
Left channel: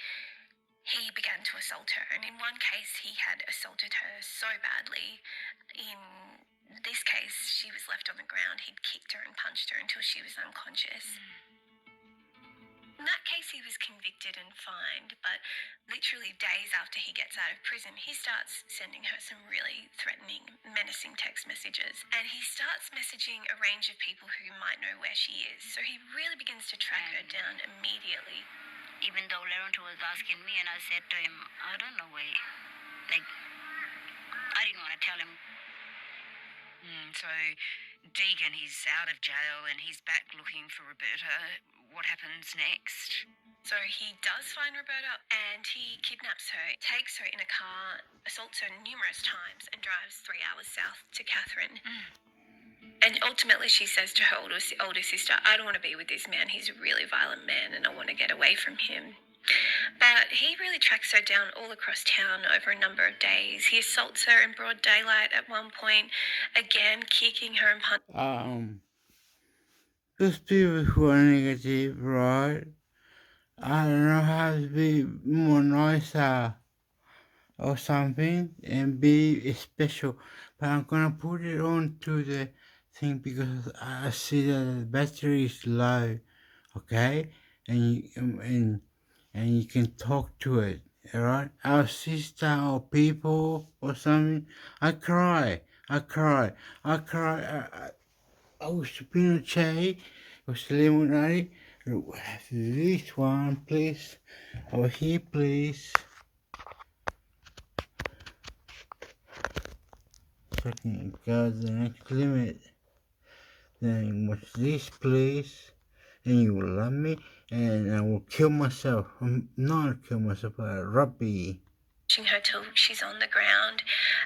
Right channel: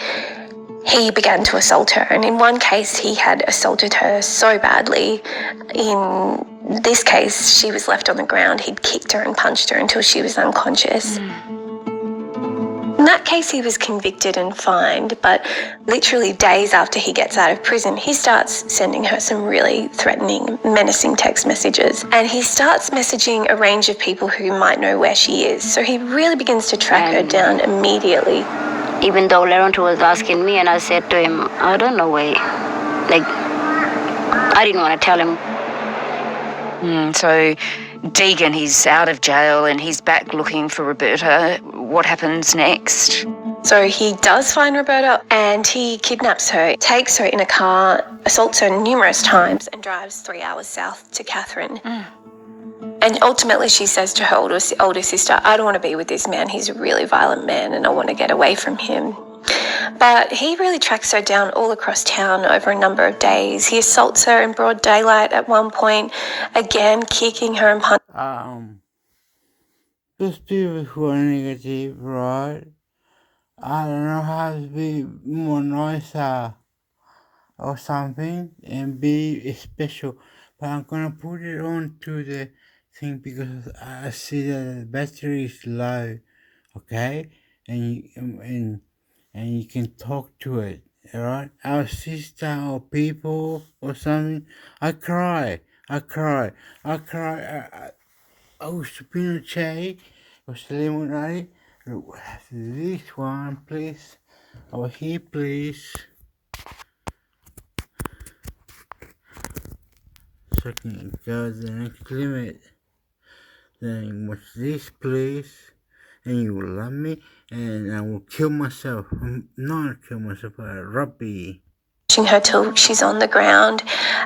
he began to assault her. And in one case, he had assaulted her so badly. In this case, she was left on the ground. He'd kicked her and punched her until she was unconscious. In that case, he was convicted and fined, but literally days after he gets out of prison, he starts sending her some really threatening, menacing text messages. And he starts messaging a range of people who might know where she is. So he really begins to track her down immediately. Even though Laurent was asking me, and I said to him, I don't know where. Like, I didn't want to tell him. So Deegan, he's out of jail and he's back looking for Roberta. What happens next? So he does find Roberta and he kidnaps her, takes her in a car, assaults her numerous times and drives 3 hours south to Catherine. And ultimately she says to her older sister, I don't want to be with this man. He's a really violent man and I want to get away from him. But he really tracks her down all across town over a number of days. He assaults her in broad daylight at one point, again kicking her and punching. Those people who are negative, right? I don't know how to be more nicer or something and be special. But I'm gonna put it on to the thing because I see that the battery is low, okay? And you can talk to it, alright? Our sister or people or something. I cry. I was supposed to say, was lemonade. This one, please. Over here, please. Second, go to the next limit. Then watch this, please. And you will love me. And I will kill myself. Not kill myself, but Robbie. Her till she's on the ground.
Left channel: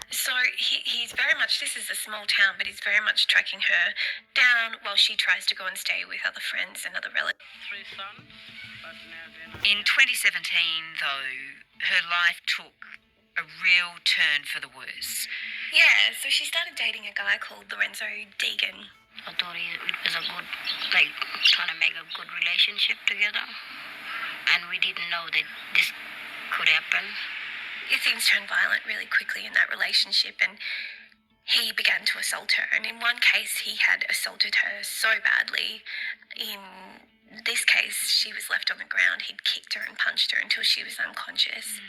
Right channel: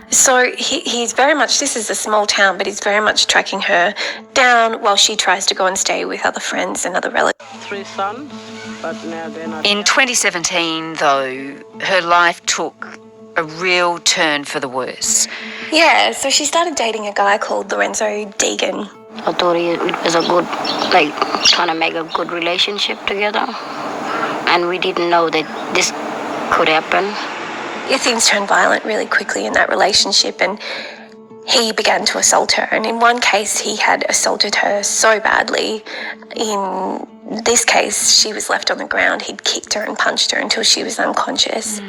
So he's very much, this is a small town, but he's very much tracking her down while she tries to go and stay with other friends and other relatives. 3 sons, but now they're not. In 2017, though, her life took a real turn for the worse. Yeah, so she started dating a guy called Lorenzo Deegan. I thought it was a good, like, trying to make a good relationship together. And we didn't know that this could happen. Yeah, things turned violent really quickly in that relationship and he began to assault her. And in one case, he had assaulted her so badly. In this case, she was left on the ground. He'd kicked her and punched her until she was unconscious.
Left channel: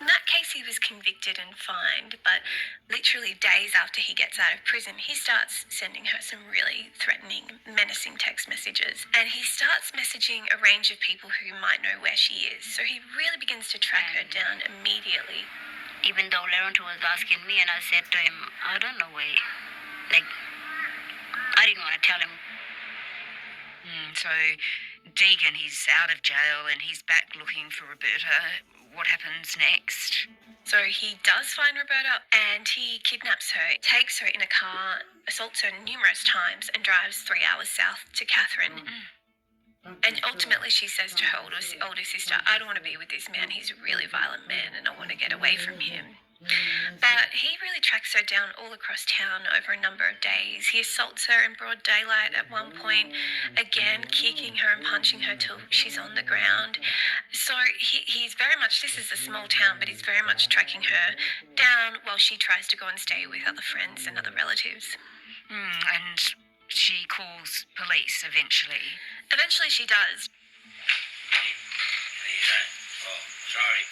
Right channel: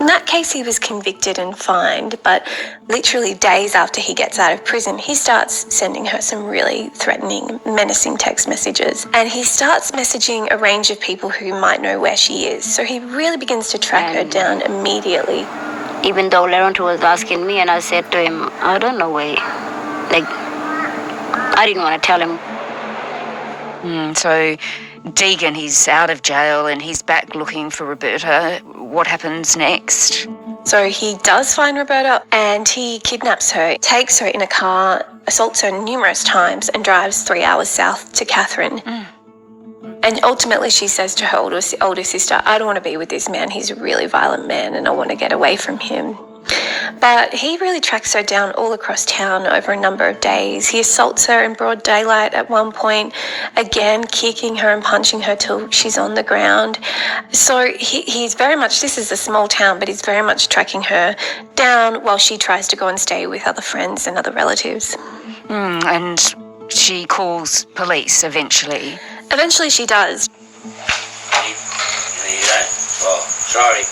In that case, he was convicted and fined, but literally days after he gets out of prison, he starts sending her some really threatening, menacing text messages. And he starts messaging a range of people who might know where she is. So he really begins to track her down immediately. Even though Laurent was asking me, and I said to him, I don't know where. Like, I didn't want to tell him. So Deegan, he's out of jail and he's back looking for Roberta. What happens next? So he does find Roberta and he kidnaps her, takes her in a car, assaults her numerous times and drives 3 hours south to Catherine. And ultimately she says to her older sister, I don't want to be with this man. He's a really violent man and I want to get away from him. But he really tracks her down all across town over a number of days. He assaults her in broad daylight at one point, again kicking her and punching her till she's on the ground. So he's very much, this is a small town, but he's very much tracking her down while she tries to go and stay with other friends and other relatives. And she calls police eventually. Eventually she does. Oh, sorry.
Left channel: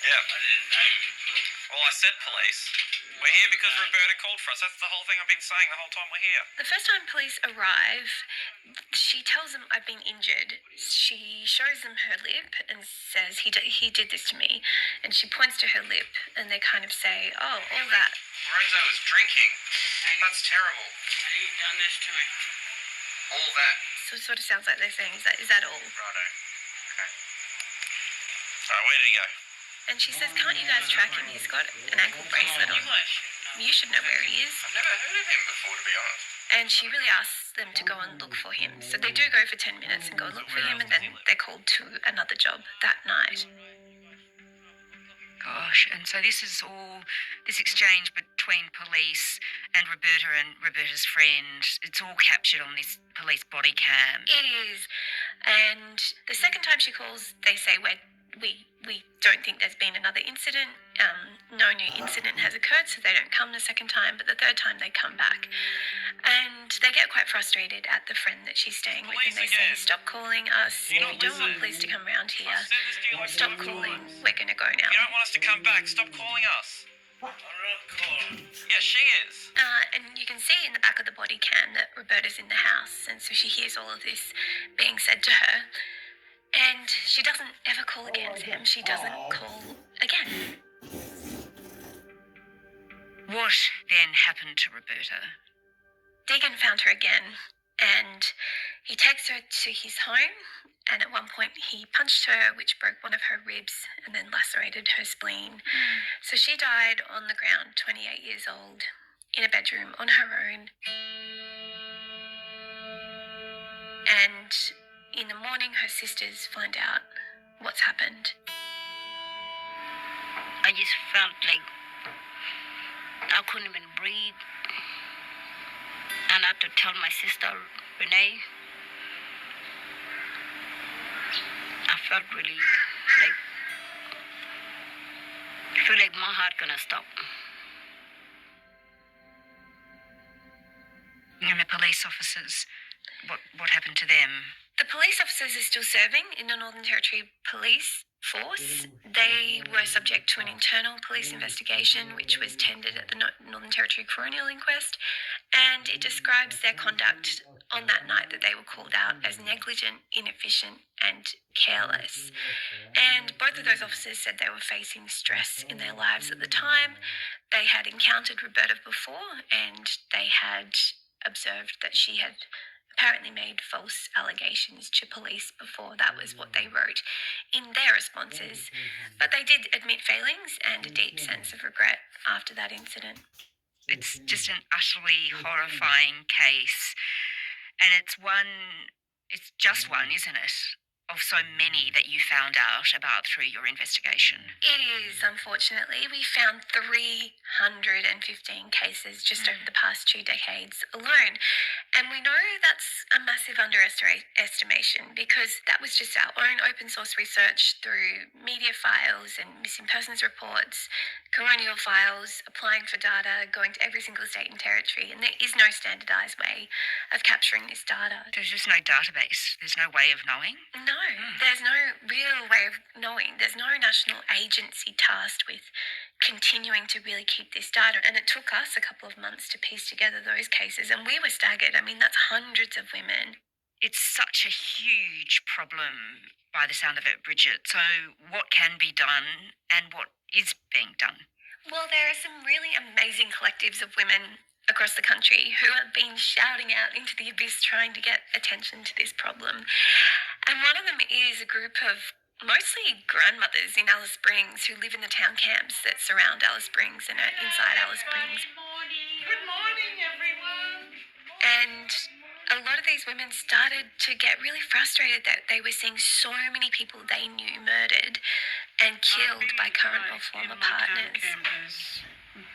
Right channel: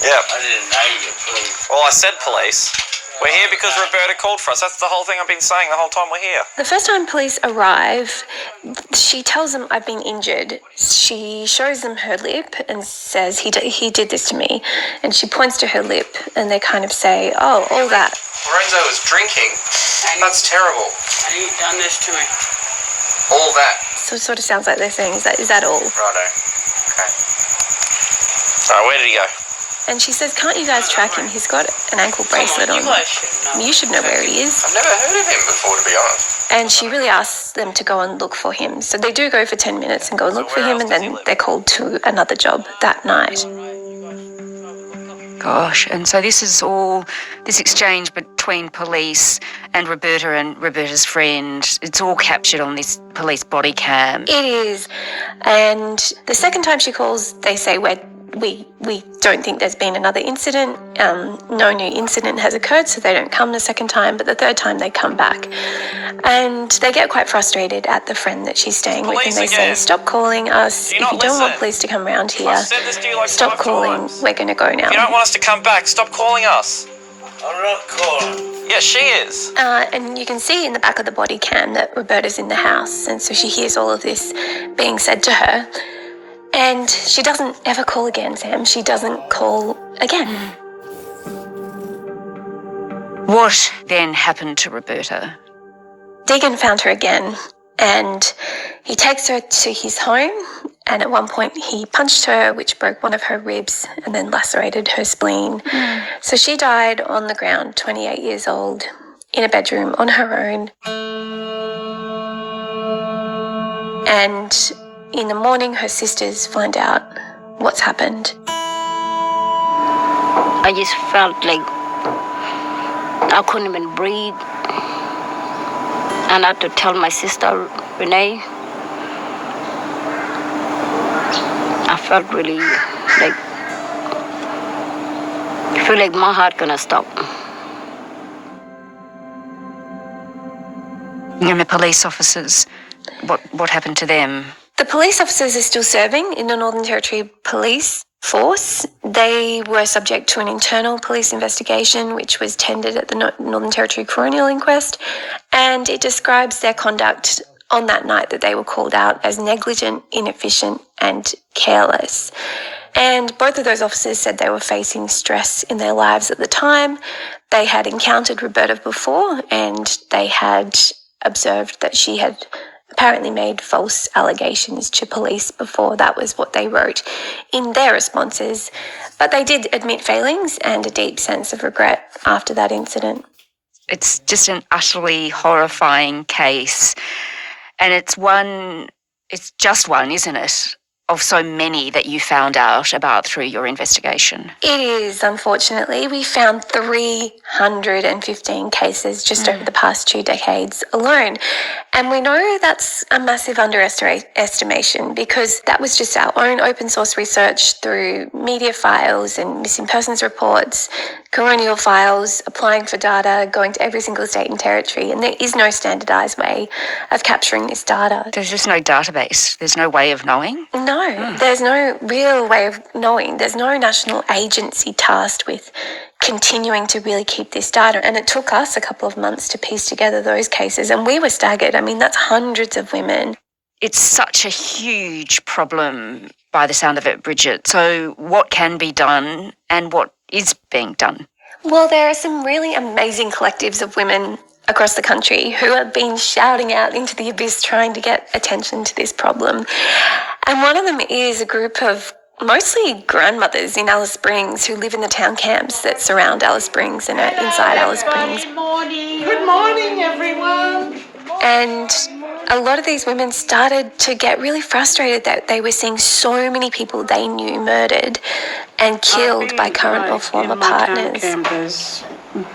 Yeah. I didn't know you were police. Well, I said police. We're here because Roberta called for us. That's the whole thing I've been saying the whole time we're here. The first time police arrive, she tells them I've been injured. She shows them her lip and says he did this to me. And she points to her lip and they kind of say, oh, all that. Lorenzo was drinking. That's terrible. And he done this to me. All that. So it sort of sounds like they're saying, is that all? Righto. Okay. Alright, where did he go? And she says, can't you guys track him? He's got an ankle bracelet on. You should know where he is. I've never heard of him before, to be honest. And she really asks them to go and look for him. So they do go for 10 minutes and go and look for him, and then they're called to another job that night. Gosh, and so this is all, this exchange between police and Roberta's friend, it's all captured on this police body cam. It is. And the second time she calls, they say, we don't think there's been another incident. No new incident has occurred, so they don't come the second time, but the third time they come back. And they get quite frustrated at the friend that she's staying with, and they say, stop calling us. If you don't want police to come round here, stop calling. We're going to go now. If you don't want us to come back, stop calling us. I'm not calling. Yeah, she is. And you can see in the back of the body cam that Roberta's in the house, and so she hears all of this being said to her. And she doesn't ever call again, Sam. She doesn't call again. What then happened to Roberta? Deegan found her again, and he takes her to his home, and at one point he punched her, which broke one of her ribs and then lacerated her spleen. So she died on the ground, 28 years old, in a bedroom on her own. And in the morning, her sisters find out what's happened. I just felt like I couldn't even breathe. And I had to tell my sister, Renee, I felt really like, I feel like my heart gonna stop. And the police officers, what happened to them? The police officers are still serving in the Northern Territory Police Force. They were subject to an internal police investigation, which was tendered at the Northern Territory Coronial Inquest, and it describes their conduct on that night that they were called out as negligent, inefficient, and careless. And both of those officers said they were facing stress in their lives at the time. They had encountered Roberta before, and they had observed that she had apparently made false allegations to police before. That was what they wrote in their responses. But they did admit failings and a deep sense of regret after that incident. It's just an utterly horrifying case. And it's just one, isn't it, of so many that you found out about through your investigation? It is, unfortunately. We found 315 cases just over the past 2 decades alone. And we know that's a massive underestimation, because that was just our own open source research through media files and missing persons reports, coronial files, applying for data, going to every single state and territory. And there is no standardised way of capturing this data. There's just no database. There's no way of knowing? No, there's no real way of knowing. There's no national agency tasked with continuing to really keep this data. And it took us a couple of months to piece together those cases, and we were staggered. I mean, that's hundreds of women. It's such a huge problem by the sound of it, Bridget. So what can be done and what is being done? Well, there are some really amazing collectives of women across the country who have been shouting out into the abyss trying to get attention to this problem. And one of them is a group of mostly grandmothers in Alice Springs who live in the town camps that surround Alice Springs and are inside Alice Springs. Good morning, everyone. And a lot of these women started to get really frustrated that they were seeing so many people they knew murdered and killed by current or former partners. There's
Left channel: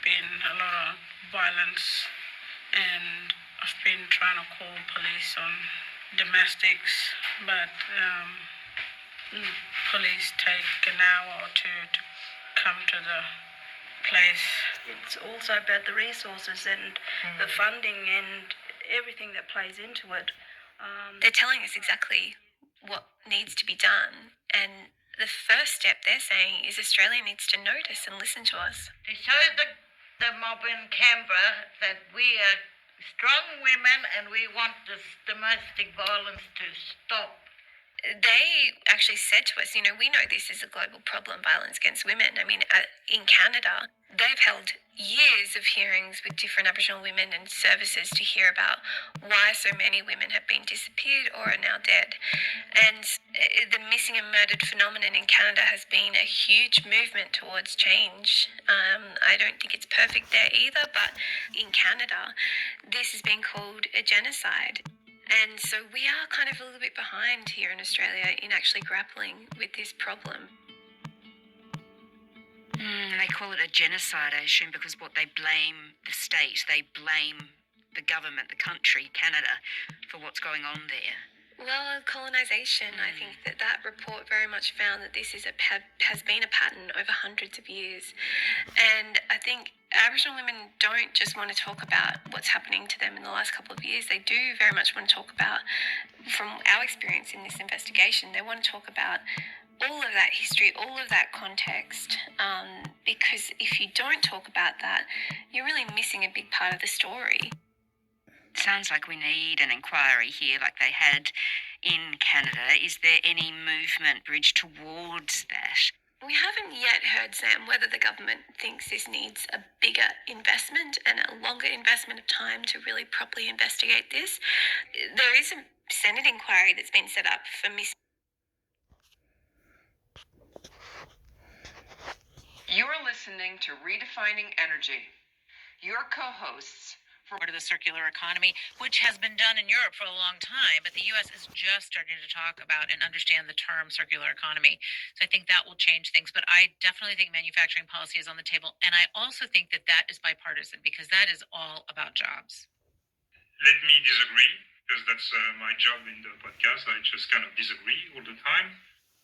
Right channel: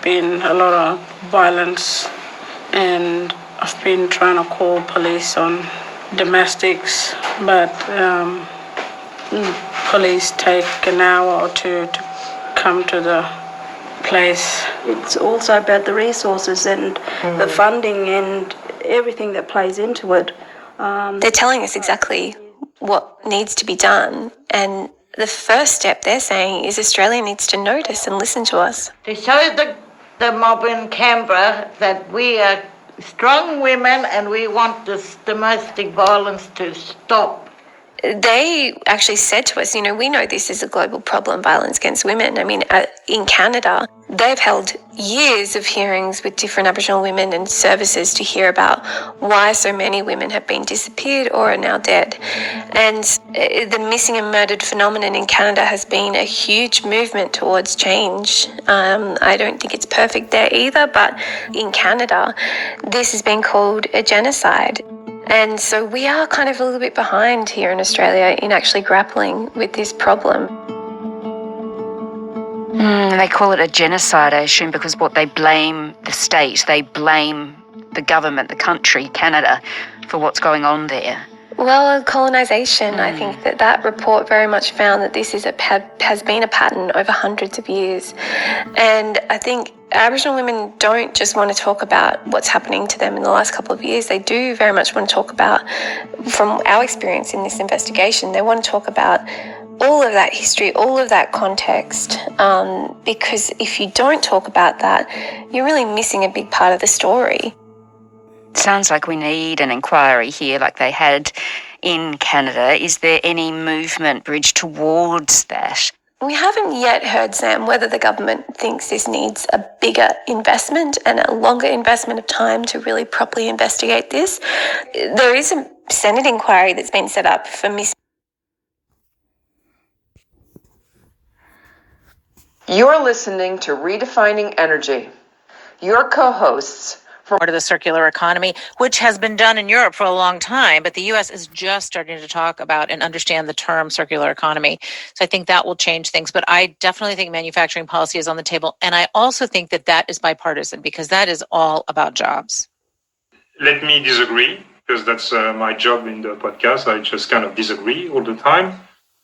been a lot of violence, and I've been trying to call police on domestics, but police take an hour or two to come to the place. It's also about the resources and the funding and everything that plays into it. They're telling us exactly what needs to be done, and the first step they're saying is Australia needs to notice and listen to us. To show the mob in Canberra that we are strong women and we want this domestic violence to stop. they actually said to us, we know this is a global problem, violence against women. I mean, in Canada, they've held years of hearings with different Aboriginal women and services to hear about why so many women have been disappeared or are now dead. And the missing and murdered phenomenon in Canada has been a huge movement towards change. I don't think it's perfect there either, but in Canada, this has been called a genocide. And so we are kind of a little bit behind here in Australia in actually grappling with this problem. They call it a genocide, I assume, because they blame the state, they blame the government, the country, Canada, for what's going on there. Well, colonisation, I think that report very much found that this has been a pattern over hundreds of years. And I think Aboriginal women don't just want to talk about what's happening to them in the last couple of years. They do very much want to talk about, from our experience in this investigation, they want to talk about all of that history, all of that context, because if you don't talk about that, you're really missing a big part of the story. Sounds like we need an inquiry here like they had in Canada. Is there any movement, Bridge, towards that? We haven't yet heard, Sam, whether the government thinks this needs a bigger investment and a longer investment of time to really properly investigate this. There is a Senate inquiry that's been set up for You're listening to Redefining Energy. Your co-hosts to the circular economy, which has been done in Europe for a long time, but the U.S. is just starting to talk about and understand the term circular economy. So I think that will change things. But I definitely think manufacturing policy is on the table. And I also think that is bipartisan because that is all about jobs. Let me disagree, because that's my job in the podcast. I just kind of disagree all the time.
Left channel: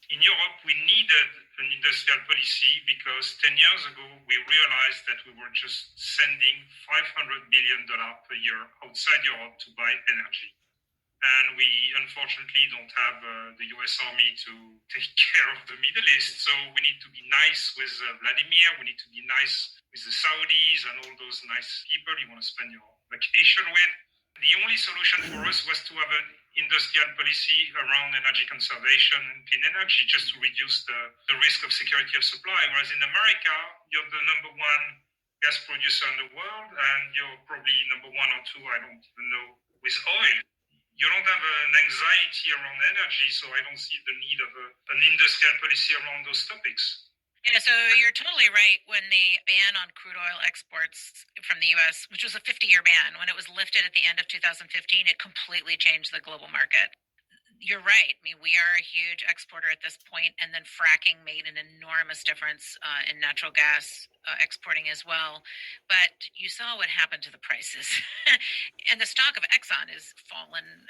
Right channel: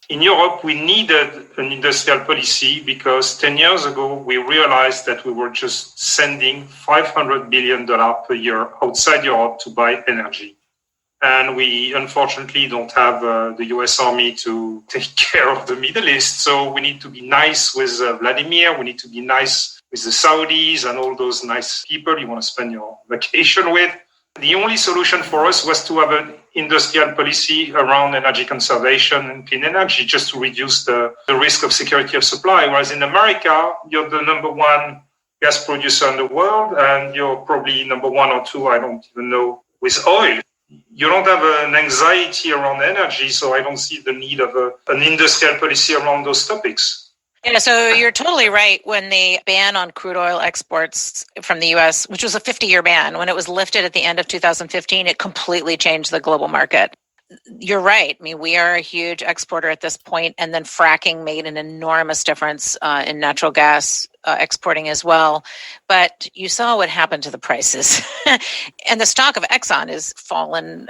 In Europe, we needed an industrial policy because 10 years ago, we realized that we were just sending $500 billion per year outside Europe to buy energy. And we unfortunately don't have the US Army to take care of the Middle East. So we need to be nice with Vladimir. We need to be nice with the Saudis and all those nice people you want to spend your vacation with. The only solution for us was to have an industrial policy around energy conservation and clean energy, just to reduce the risk of security of supply. Whereas in America, you're the number one gas producer in the world, and you're probably number one or two, I don't even know, with oil. You don't have an anxiety around energy, so I don't see the need of an industrial policy around those topics. Yeah, so you're totally right. When the ban on crude oil exports from the U.S., which was a 50-year ban, when it was lifted at the end of 2015, it completely changed the global market. You're right. I mean, we are a huge exporter at this point, and then fracking made an enormous difference in natural gas exporting as well. But you saw what happened to the prices, and the stock of Exxon has fallen,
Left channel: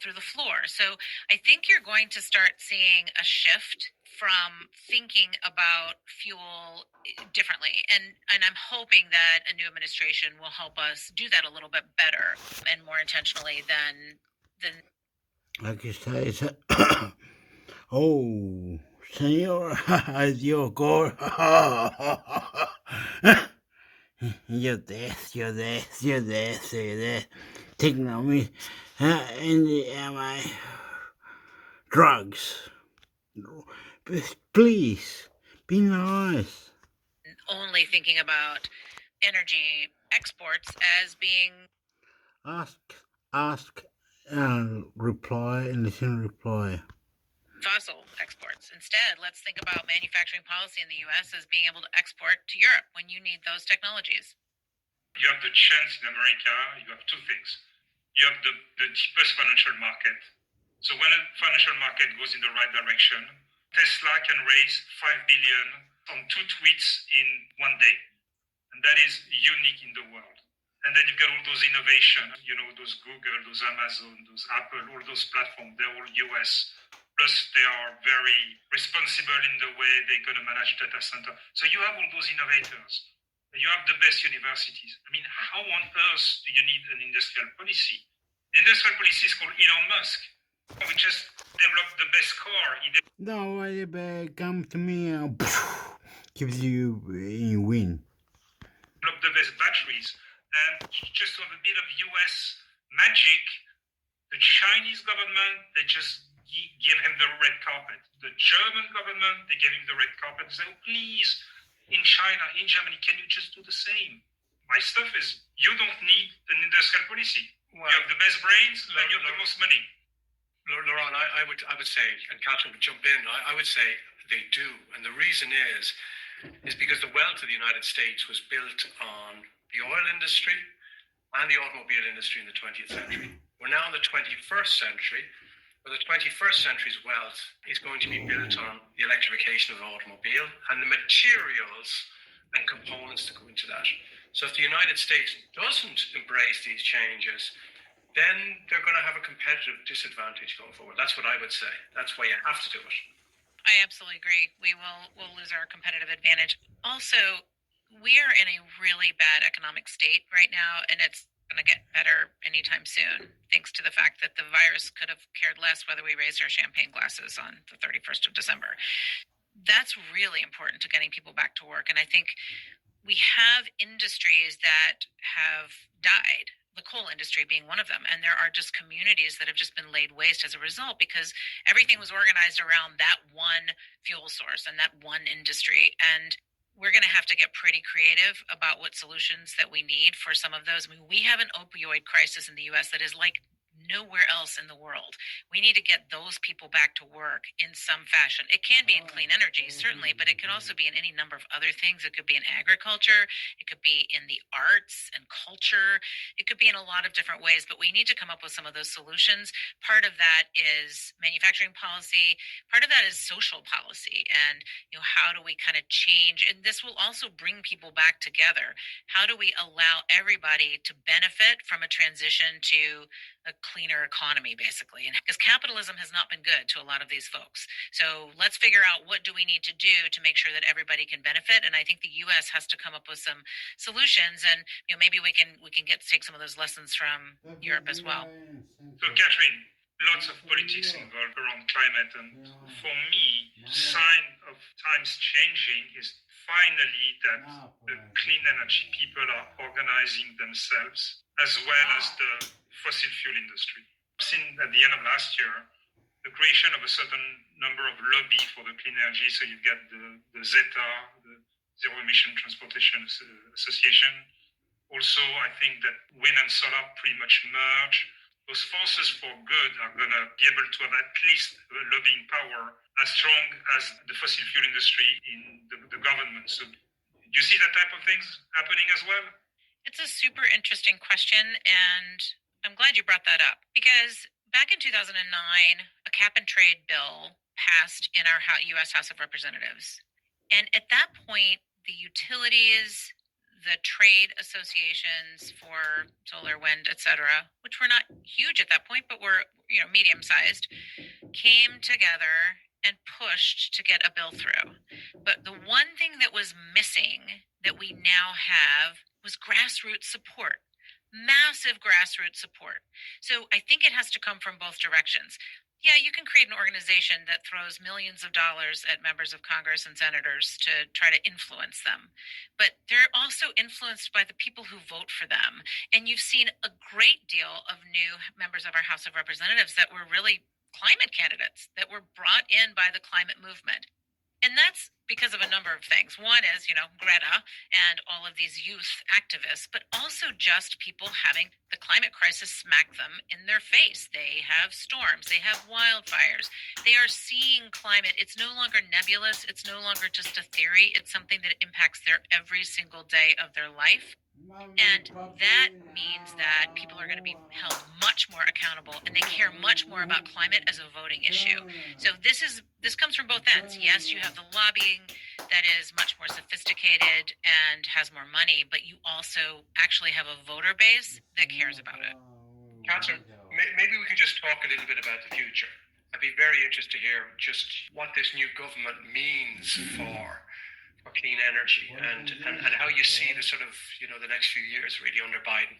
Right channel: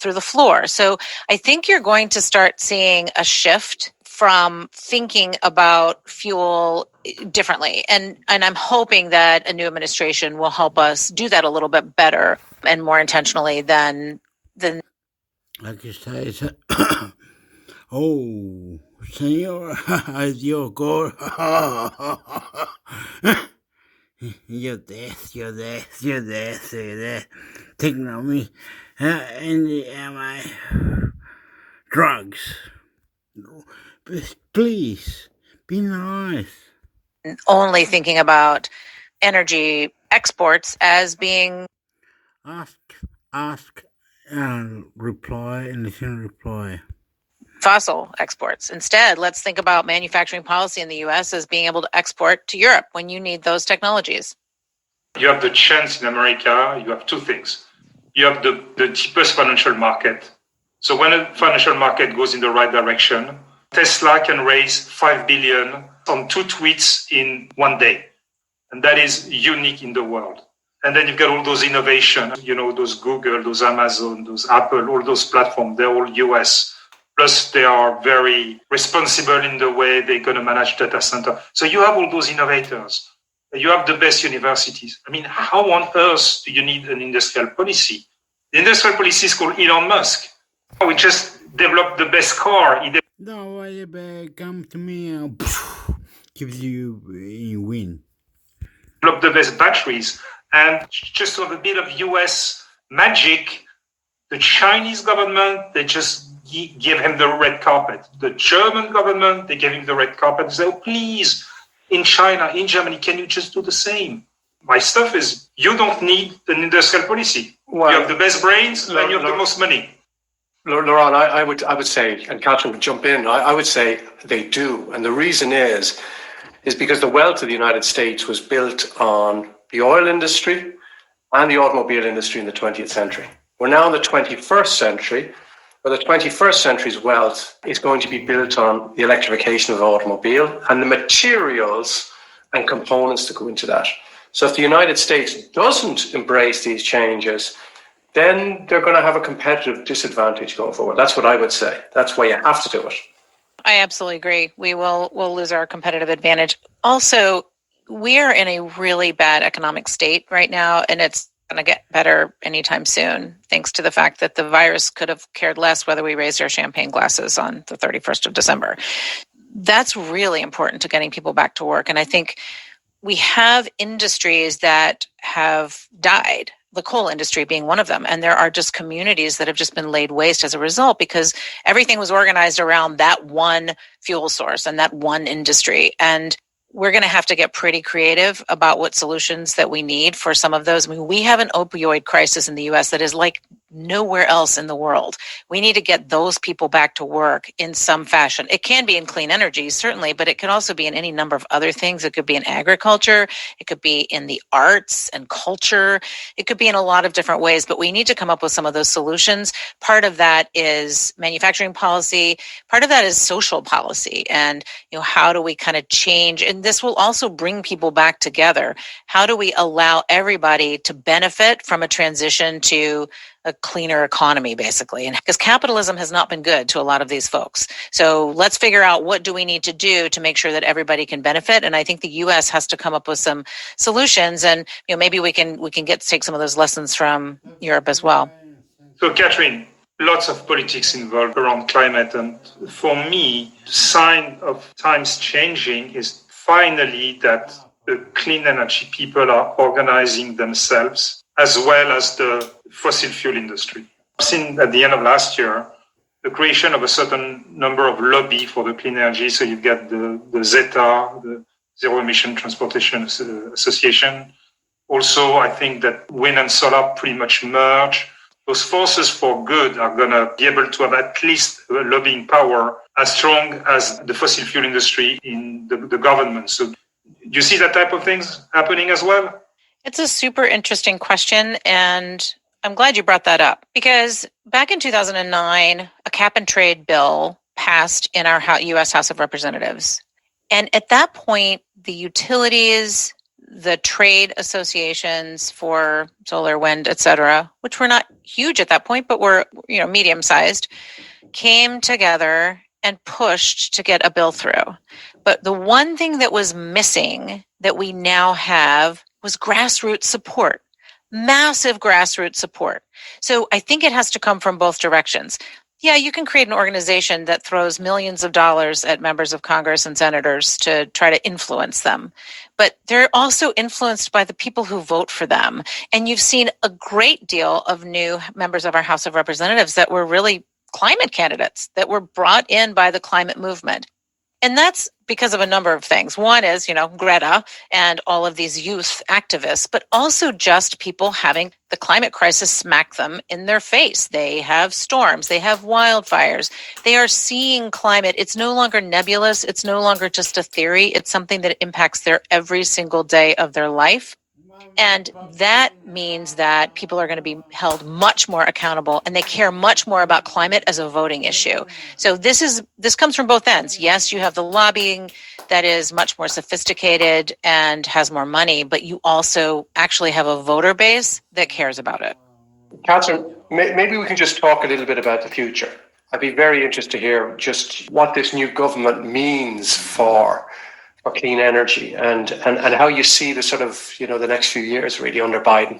through the floor. So I think you're going to start seeing a shift from thinking about fuel differently. And I'm hoping that a new administration will help us do that a little bit better and more intentionally than like you say, oh, señor, Dios, God. You're there. Taking on me. And my drugs. Please, be nice. Only thinking about energy exports as being Ask and reply and listen to reply. Fossil exports. Instead, let's think about manufacturing policy in the U.S. as being able to export to Europe when you need those technologies. You have the chance in America, you have two things. You have the cheapest financial market. So when a financial market goes in the right direction, Tesla can raise $5 billion on 2 tweets in 1 day. And that is unique in the world. And then you've got all those innovations, those Google, those Amazon, those Apple, all those platforms, they're all US. Plus they are very responsible in the way they're going to manage data center. So you have all those innovators. You have the best universities. I mean, how on earth do you need an industrial policy? The industrial policy is called Elon Musk. We just developed the best car. No, come to me and gives you win. Develop the best batteries. And just on a bit of US magic, the Chinese government, they just gave him the red carpet. The German government, they gave him the red carpet. They said, oh, please, in China, in Germany, can you just do the same? My stuff is, you don't need an industrial policy. Well, you have the best brains and you have the most money. Laurent, I would say, and Catherine would jump in, I would say they do. And the reason is because the wealth of the United States was built on the oil industry and the automobile industry in the 20th century. We're now in the 21st century, where the 21st century's wealth is going to be built on the electrification of the automobile and the materials and components that go into that. So if the United States doesn't embrace these changes, then they're going to have a competitive disadvantage going forward. That's what I would say. That's why you have to do it. I absolutely agree. We'll lose our competitive advantage. Also, we are in a really bad economic state right now, and it's going to get better anytime soon, thanks to the fact that the virus could have cared less whether we raised our champagne glasses on the 31st of December. That's really important to getting people back to work. And I think we have industries that have died, the coal industry being one of them. And there are just communities that have just been laid waste as a result because everything was organized around that one fuel source and that one industry. And we're going to have to get pretty creative about what solutions that we need for some of those. I mean, we have an opioid crisis in the U.S. that is like nowhere else in the world. We need to get those people back to work in some fashion. It can be in clean energy, certainly, but it could also be in any number of other things. It could be in agriculture. It could be in the arts and culture. It could be in a lot of different ways, but we need to come up with some of those solutions. Part of that is manufacturing policy. Part of that is social policy. And, how do we kind of change? And this will also bring people back together. How do we allow everybody to benefit from a transition to a cleaner economy, basically? And because capitalism has not been good to a lot of these folks. So let's figure out what do we need to do to make sure that everybody can benefit. And I think the U.S. has to come up with some solutions. And maybe we can take some of those lessons from Europe as well. So, Catherine, lots of politics involved around climate. And for me, the sign of times changing is finally that the clean energy people are organizing themselves as well as the fossil fuel industry. I've seen at the end of last year the creation of a certain number of lobby for the clean energy. So you've got the ZETA, the Zero Emission Transportation Association. Also, I think that wind and solar pretty much merge. Those forces for good are going to be able to have at least a lobbying power as strong as the fossil fuel industry in the government. So do you see that type of things happening as well? It's a super interesting question, and I'm glad you brought that up because back in 2009, a cap and trade bill passed in our U.S. House of Representatives. And at that point, the utilities, the trade associations for solar, wind, et cetera, which were not huge at that point, but were medium-sized, came together and pushed to get a bill through. But the one thing that was missing that we now have was grassroots support, massive grassroots support. So I think it has to come from both directions. Yeah, you can create an organization that throws millions of dollars at members of Congress and senators to try to influence them. But they're also influenced by the people who vote for them. And you've seen a great deal of new members of our House of Representatives that were really climate candidates that were brought in by the climate movement. And that's because of a number of things. One is, Greta and all of these youth activists, but also just people having the climate crisis smack them in their face. They have storms, they have wildfires, they are seeing climate. It's no longer nebulous. It's no longer just a theory. It's something that impacts their every single day of their life. And that means that people are going to be held much more accountable and they care much more about climate as a voting issue. So this comes from both ends. Yes, you have the lobbying that is much more sophisticated and has more money, but you also actually have a voter base that cares about it. Catherine, maybe we can just talk a little bit about the future. I'd be very interested to hear just what this new government means for clean energy and how you see the sort of, the next few years really under Biden.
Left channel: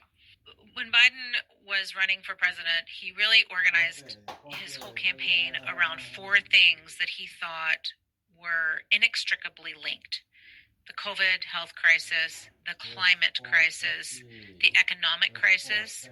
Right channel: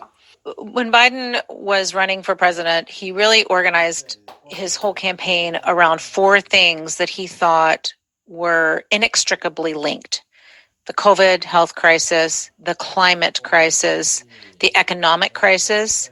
When Biden was running for president, he really organized his whole campaign around four things that he thought were inextricably linked: the COVID health crisis, the climate crisis, the economic crisis,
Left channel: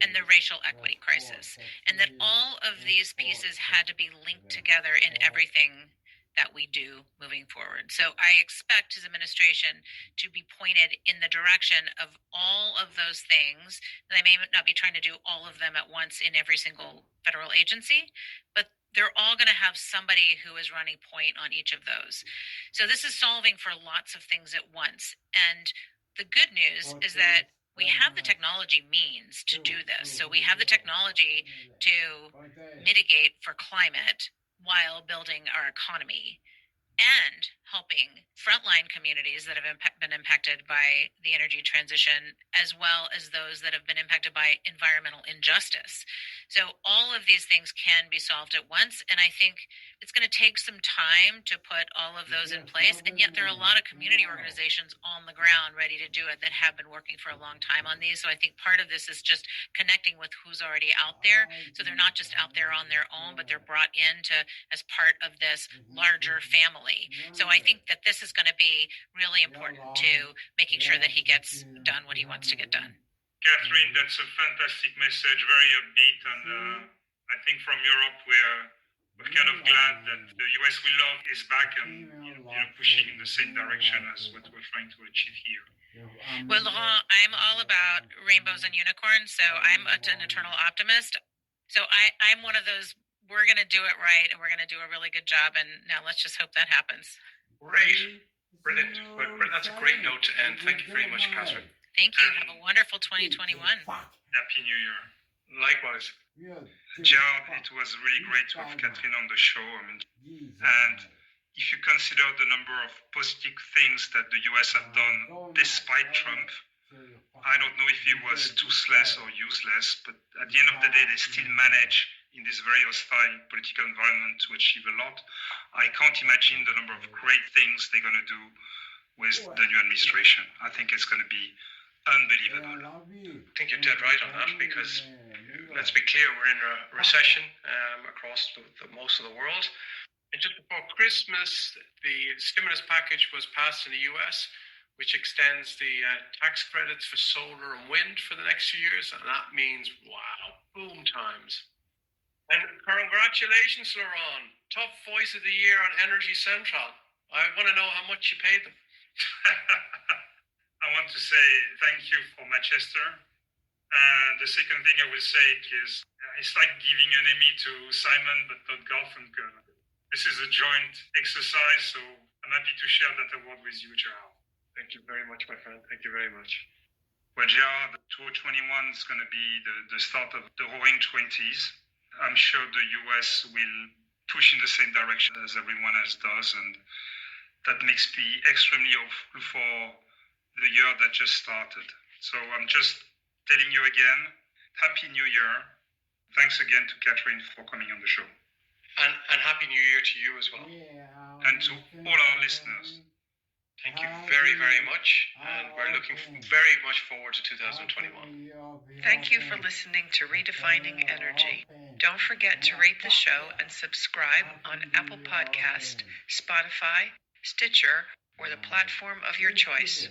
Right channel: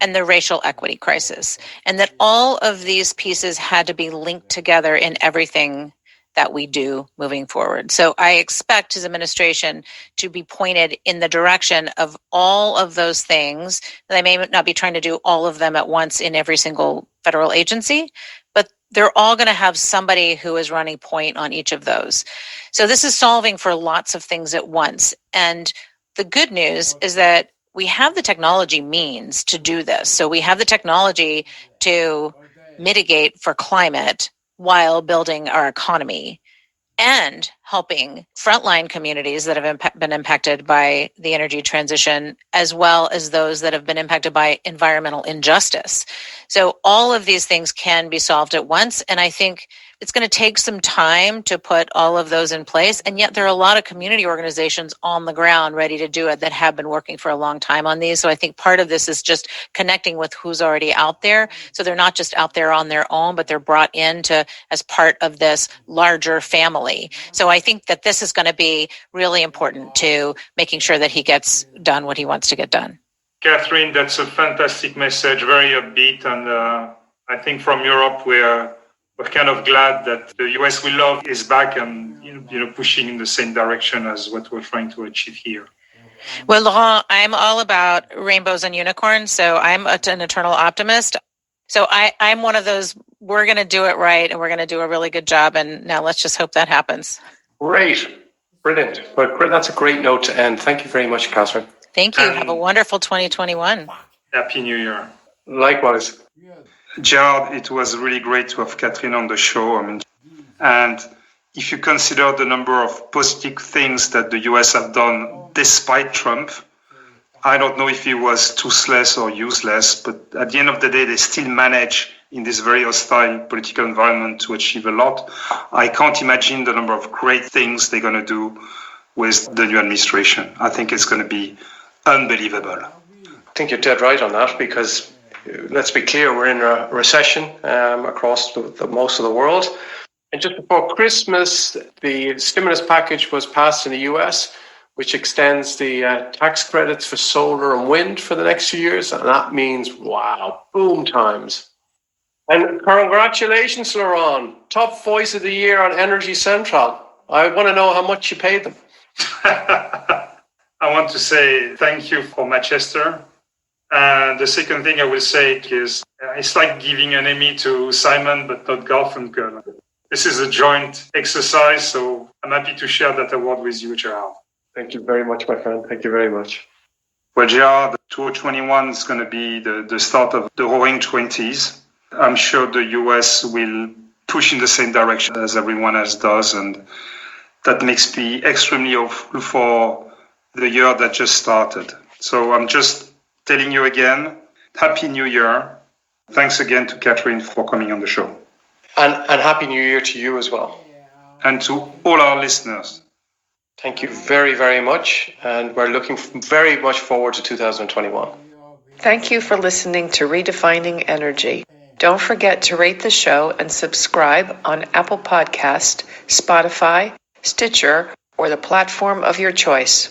and the racial equity crisis, and that all of these pieces had to be linked together in everything that we do moving forward. So I expect his administration to be pointed in the direction of all of those things. They may not be trying to do all of them at once in every single federal agency, but they're all going to have somebody who is running point on each of those. So this is solving for lots of things at once. And the good news is that we have the technology means to do this. So we have the technology to mitigate for climate while building our economy and helping frontline communities that have been impacted by the energy transition, as well as those that have been impacted by environmental injustice. So all of these things can be solved at once. And I think it's going to take some time to put all of those in place. And yet there are a lot of community organizations on the ground ready to do it that have been working for a long time on these. So I think part of this is just connecting with who's already out there. So they're not just out there on their own, but they're brought into as part of this larger family. So I think that this is going to be really important to making sure that he gets done what he wants to get done. Catherine, that's a fantastic message, very upbeat. And I think from Europe, we're kind of glad that the US we love is back and pushing in the same direction as what we're trying to achieve here. Well, Laurent, I'm all about rainbows and unicorns, so I'm an eternal optimist. So I'm one of those, we're going to do it right and we're going to do a really good job. And now let's just hope that happens. Great. Brilliant. But that's a great note to end. Thank you very much, Catherine. Thank you. Have a wonderful 2021. Happy New Year. Likewise. Gerard, it was really great to have Catherine on the show. And if you consider the number of positive things that the US have done despite Trump, I don't know if he was toothless or useless, but at the end of the day, they still manage in this very hostile political environment to achieve a lot. I can't imagine the number of great things they're going to do with the new administration. I think it's going to be unbelievable. I think you're dead right on that, because let's be clear, we're in a recession across most of the world. And just before Christmas, the stimulus package was passed in the US, which extends the tax credits for solar and wind for the next few years. And that means, wow, boom times. And congratulations, Laurent. Top voice of the year on Energy Central. I want to know how much you paid them. I want to say thank you for Manchester. And the second thing I will say is it's like giving an Emmy to Simon, but not Garfunkel. This is a joint exercise, so I'm happy to share that award with you, Gerard. Thank you very much, my friend. Thank you very much. Well, Gerard, 2021 is going to be the start of the roaring 20s. I'm sure the US will push in the same direction as everyone else does, and that makes me extremely hopeful for the year that just started. So I'm just telling you again, Happy New Year. Thanks again to Catherine for coming on the show. And Happy New Year to you as well. And to all our listeners. Thank you very, very much. And we're looking very much forward to 2021. Thank you for listening to Redefining Energy. Don't forget to rate the show and subscribe on Apple Podcast, Spotify, Stitcher, or the platform of your choice.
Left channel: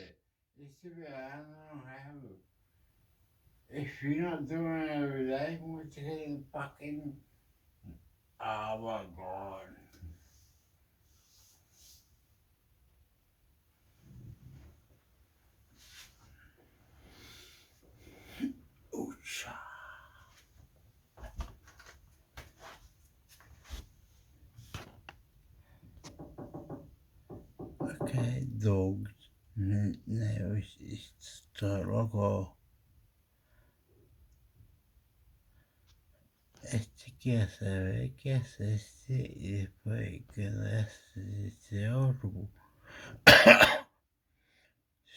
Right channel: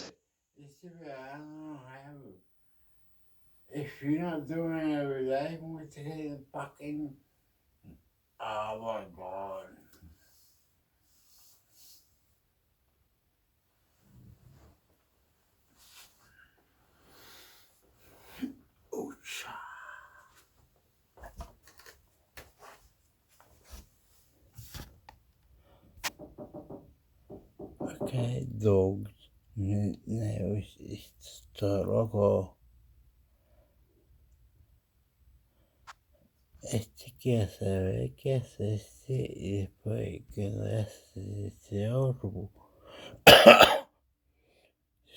If you're not doing it every day, what's the fucking... Oh my God. Okay, dogs. No, está loco. ¿Qué hace y después quedarse otro? O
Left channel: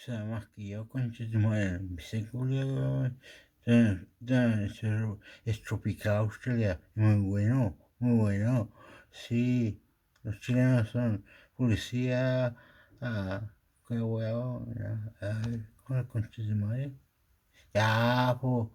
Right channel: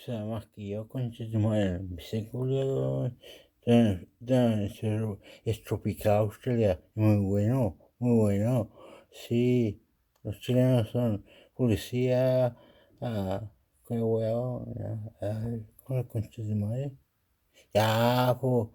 sea, más que yo, concha de madre, empecé culiado. Es tropical Australia, muy bueno. Sí, los chilenos son policía, qué huevo, con la concha de madre. Ya, po.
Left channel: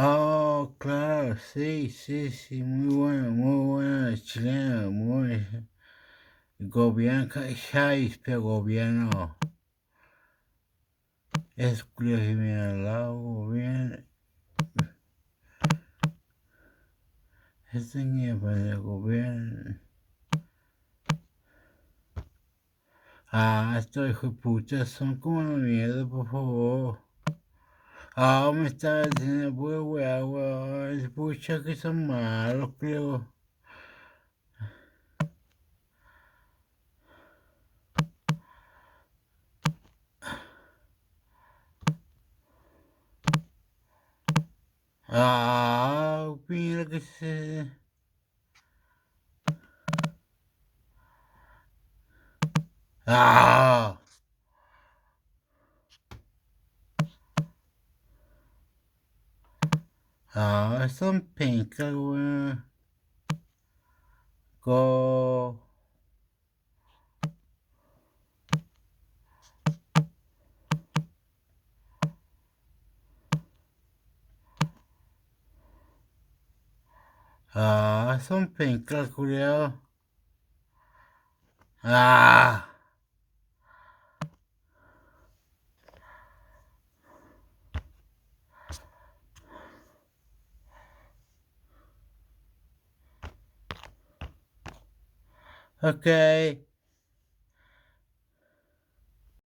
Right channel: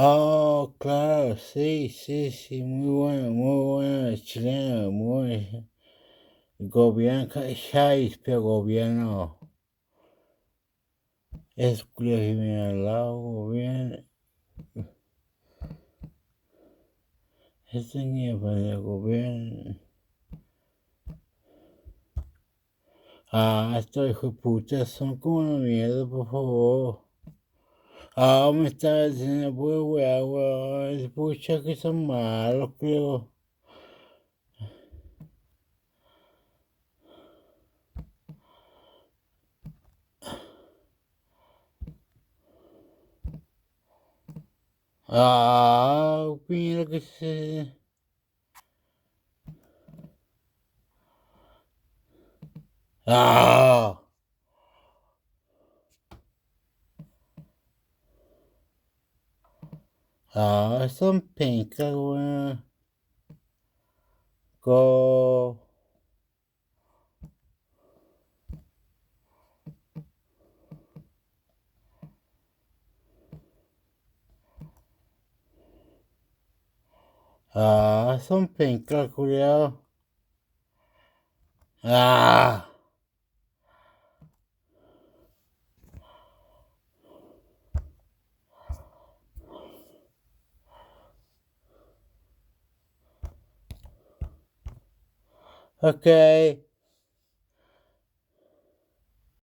Oh, claro, sí, sí, sí, muy bueno, chileno, muy gobierno, pero gobierno, es criminal, gobierno, este nivel de gobierno. Estos hijos de puta son como una mierda, por favor. Me está diciendo, pues, weón, pucha que son malos, creo. Mira que se... Ah, son pencas, weón. Go. Son pencas, culiao. Okay.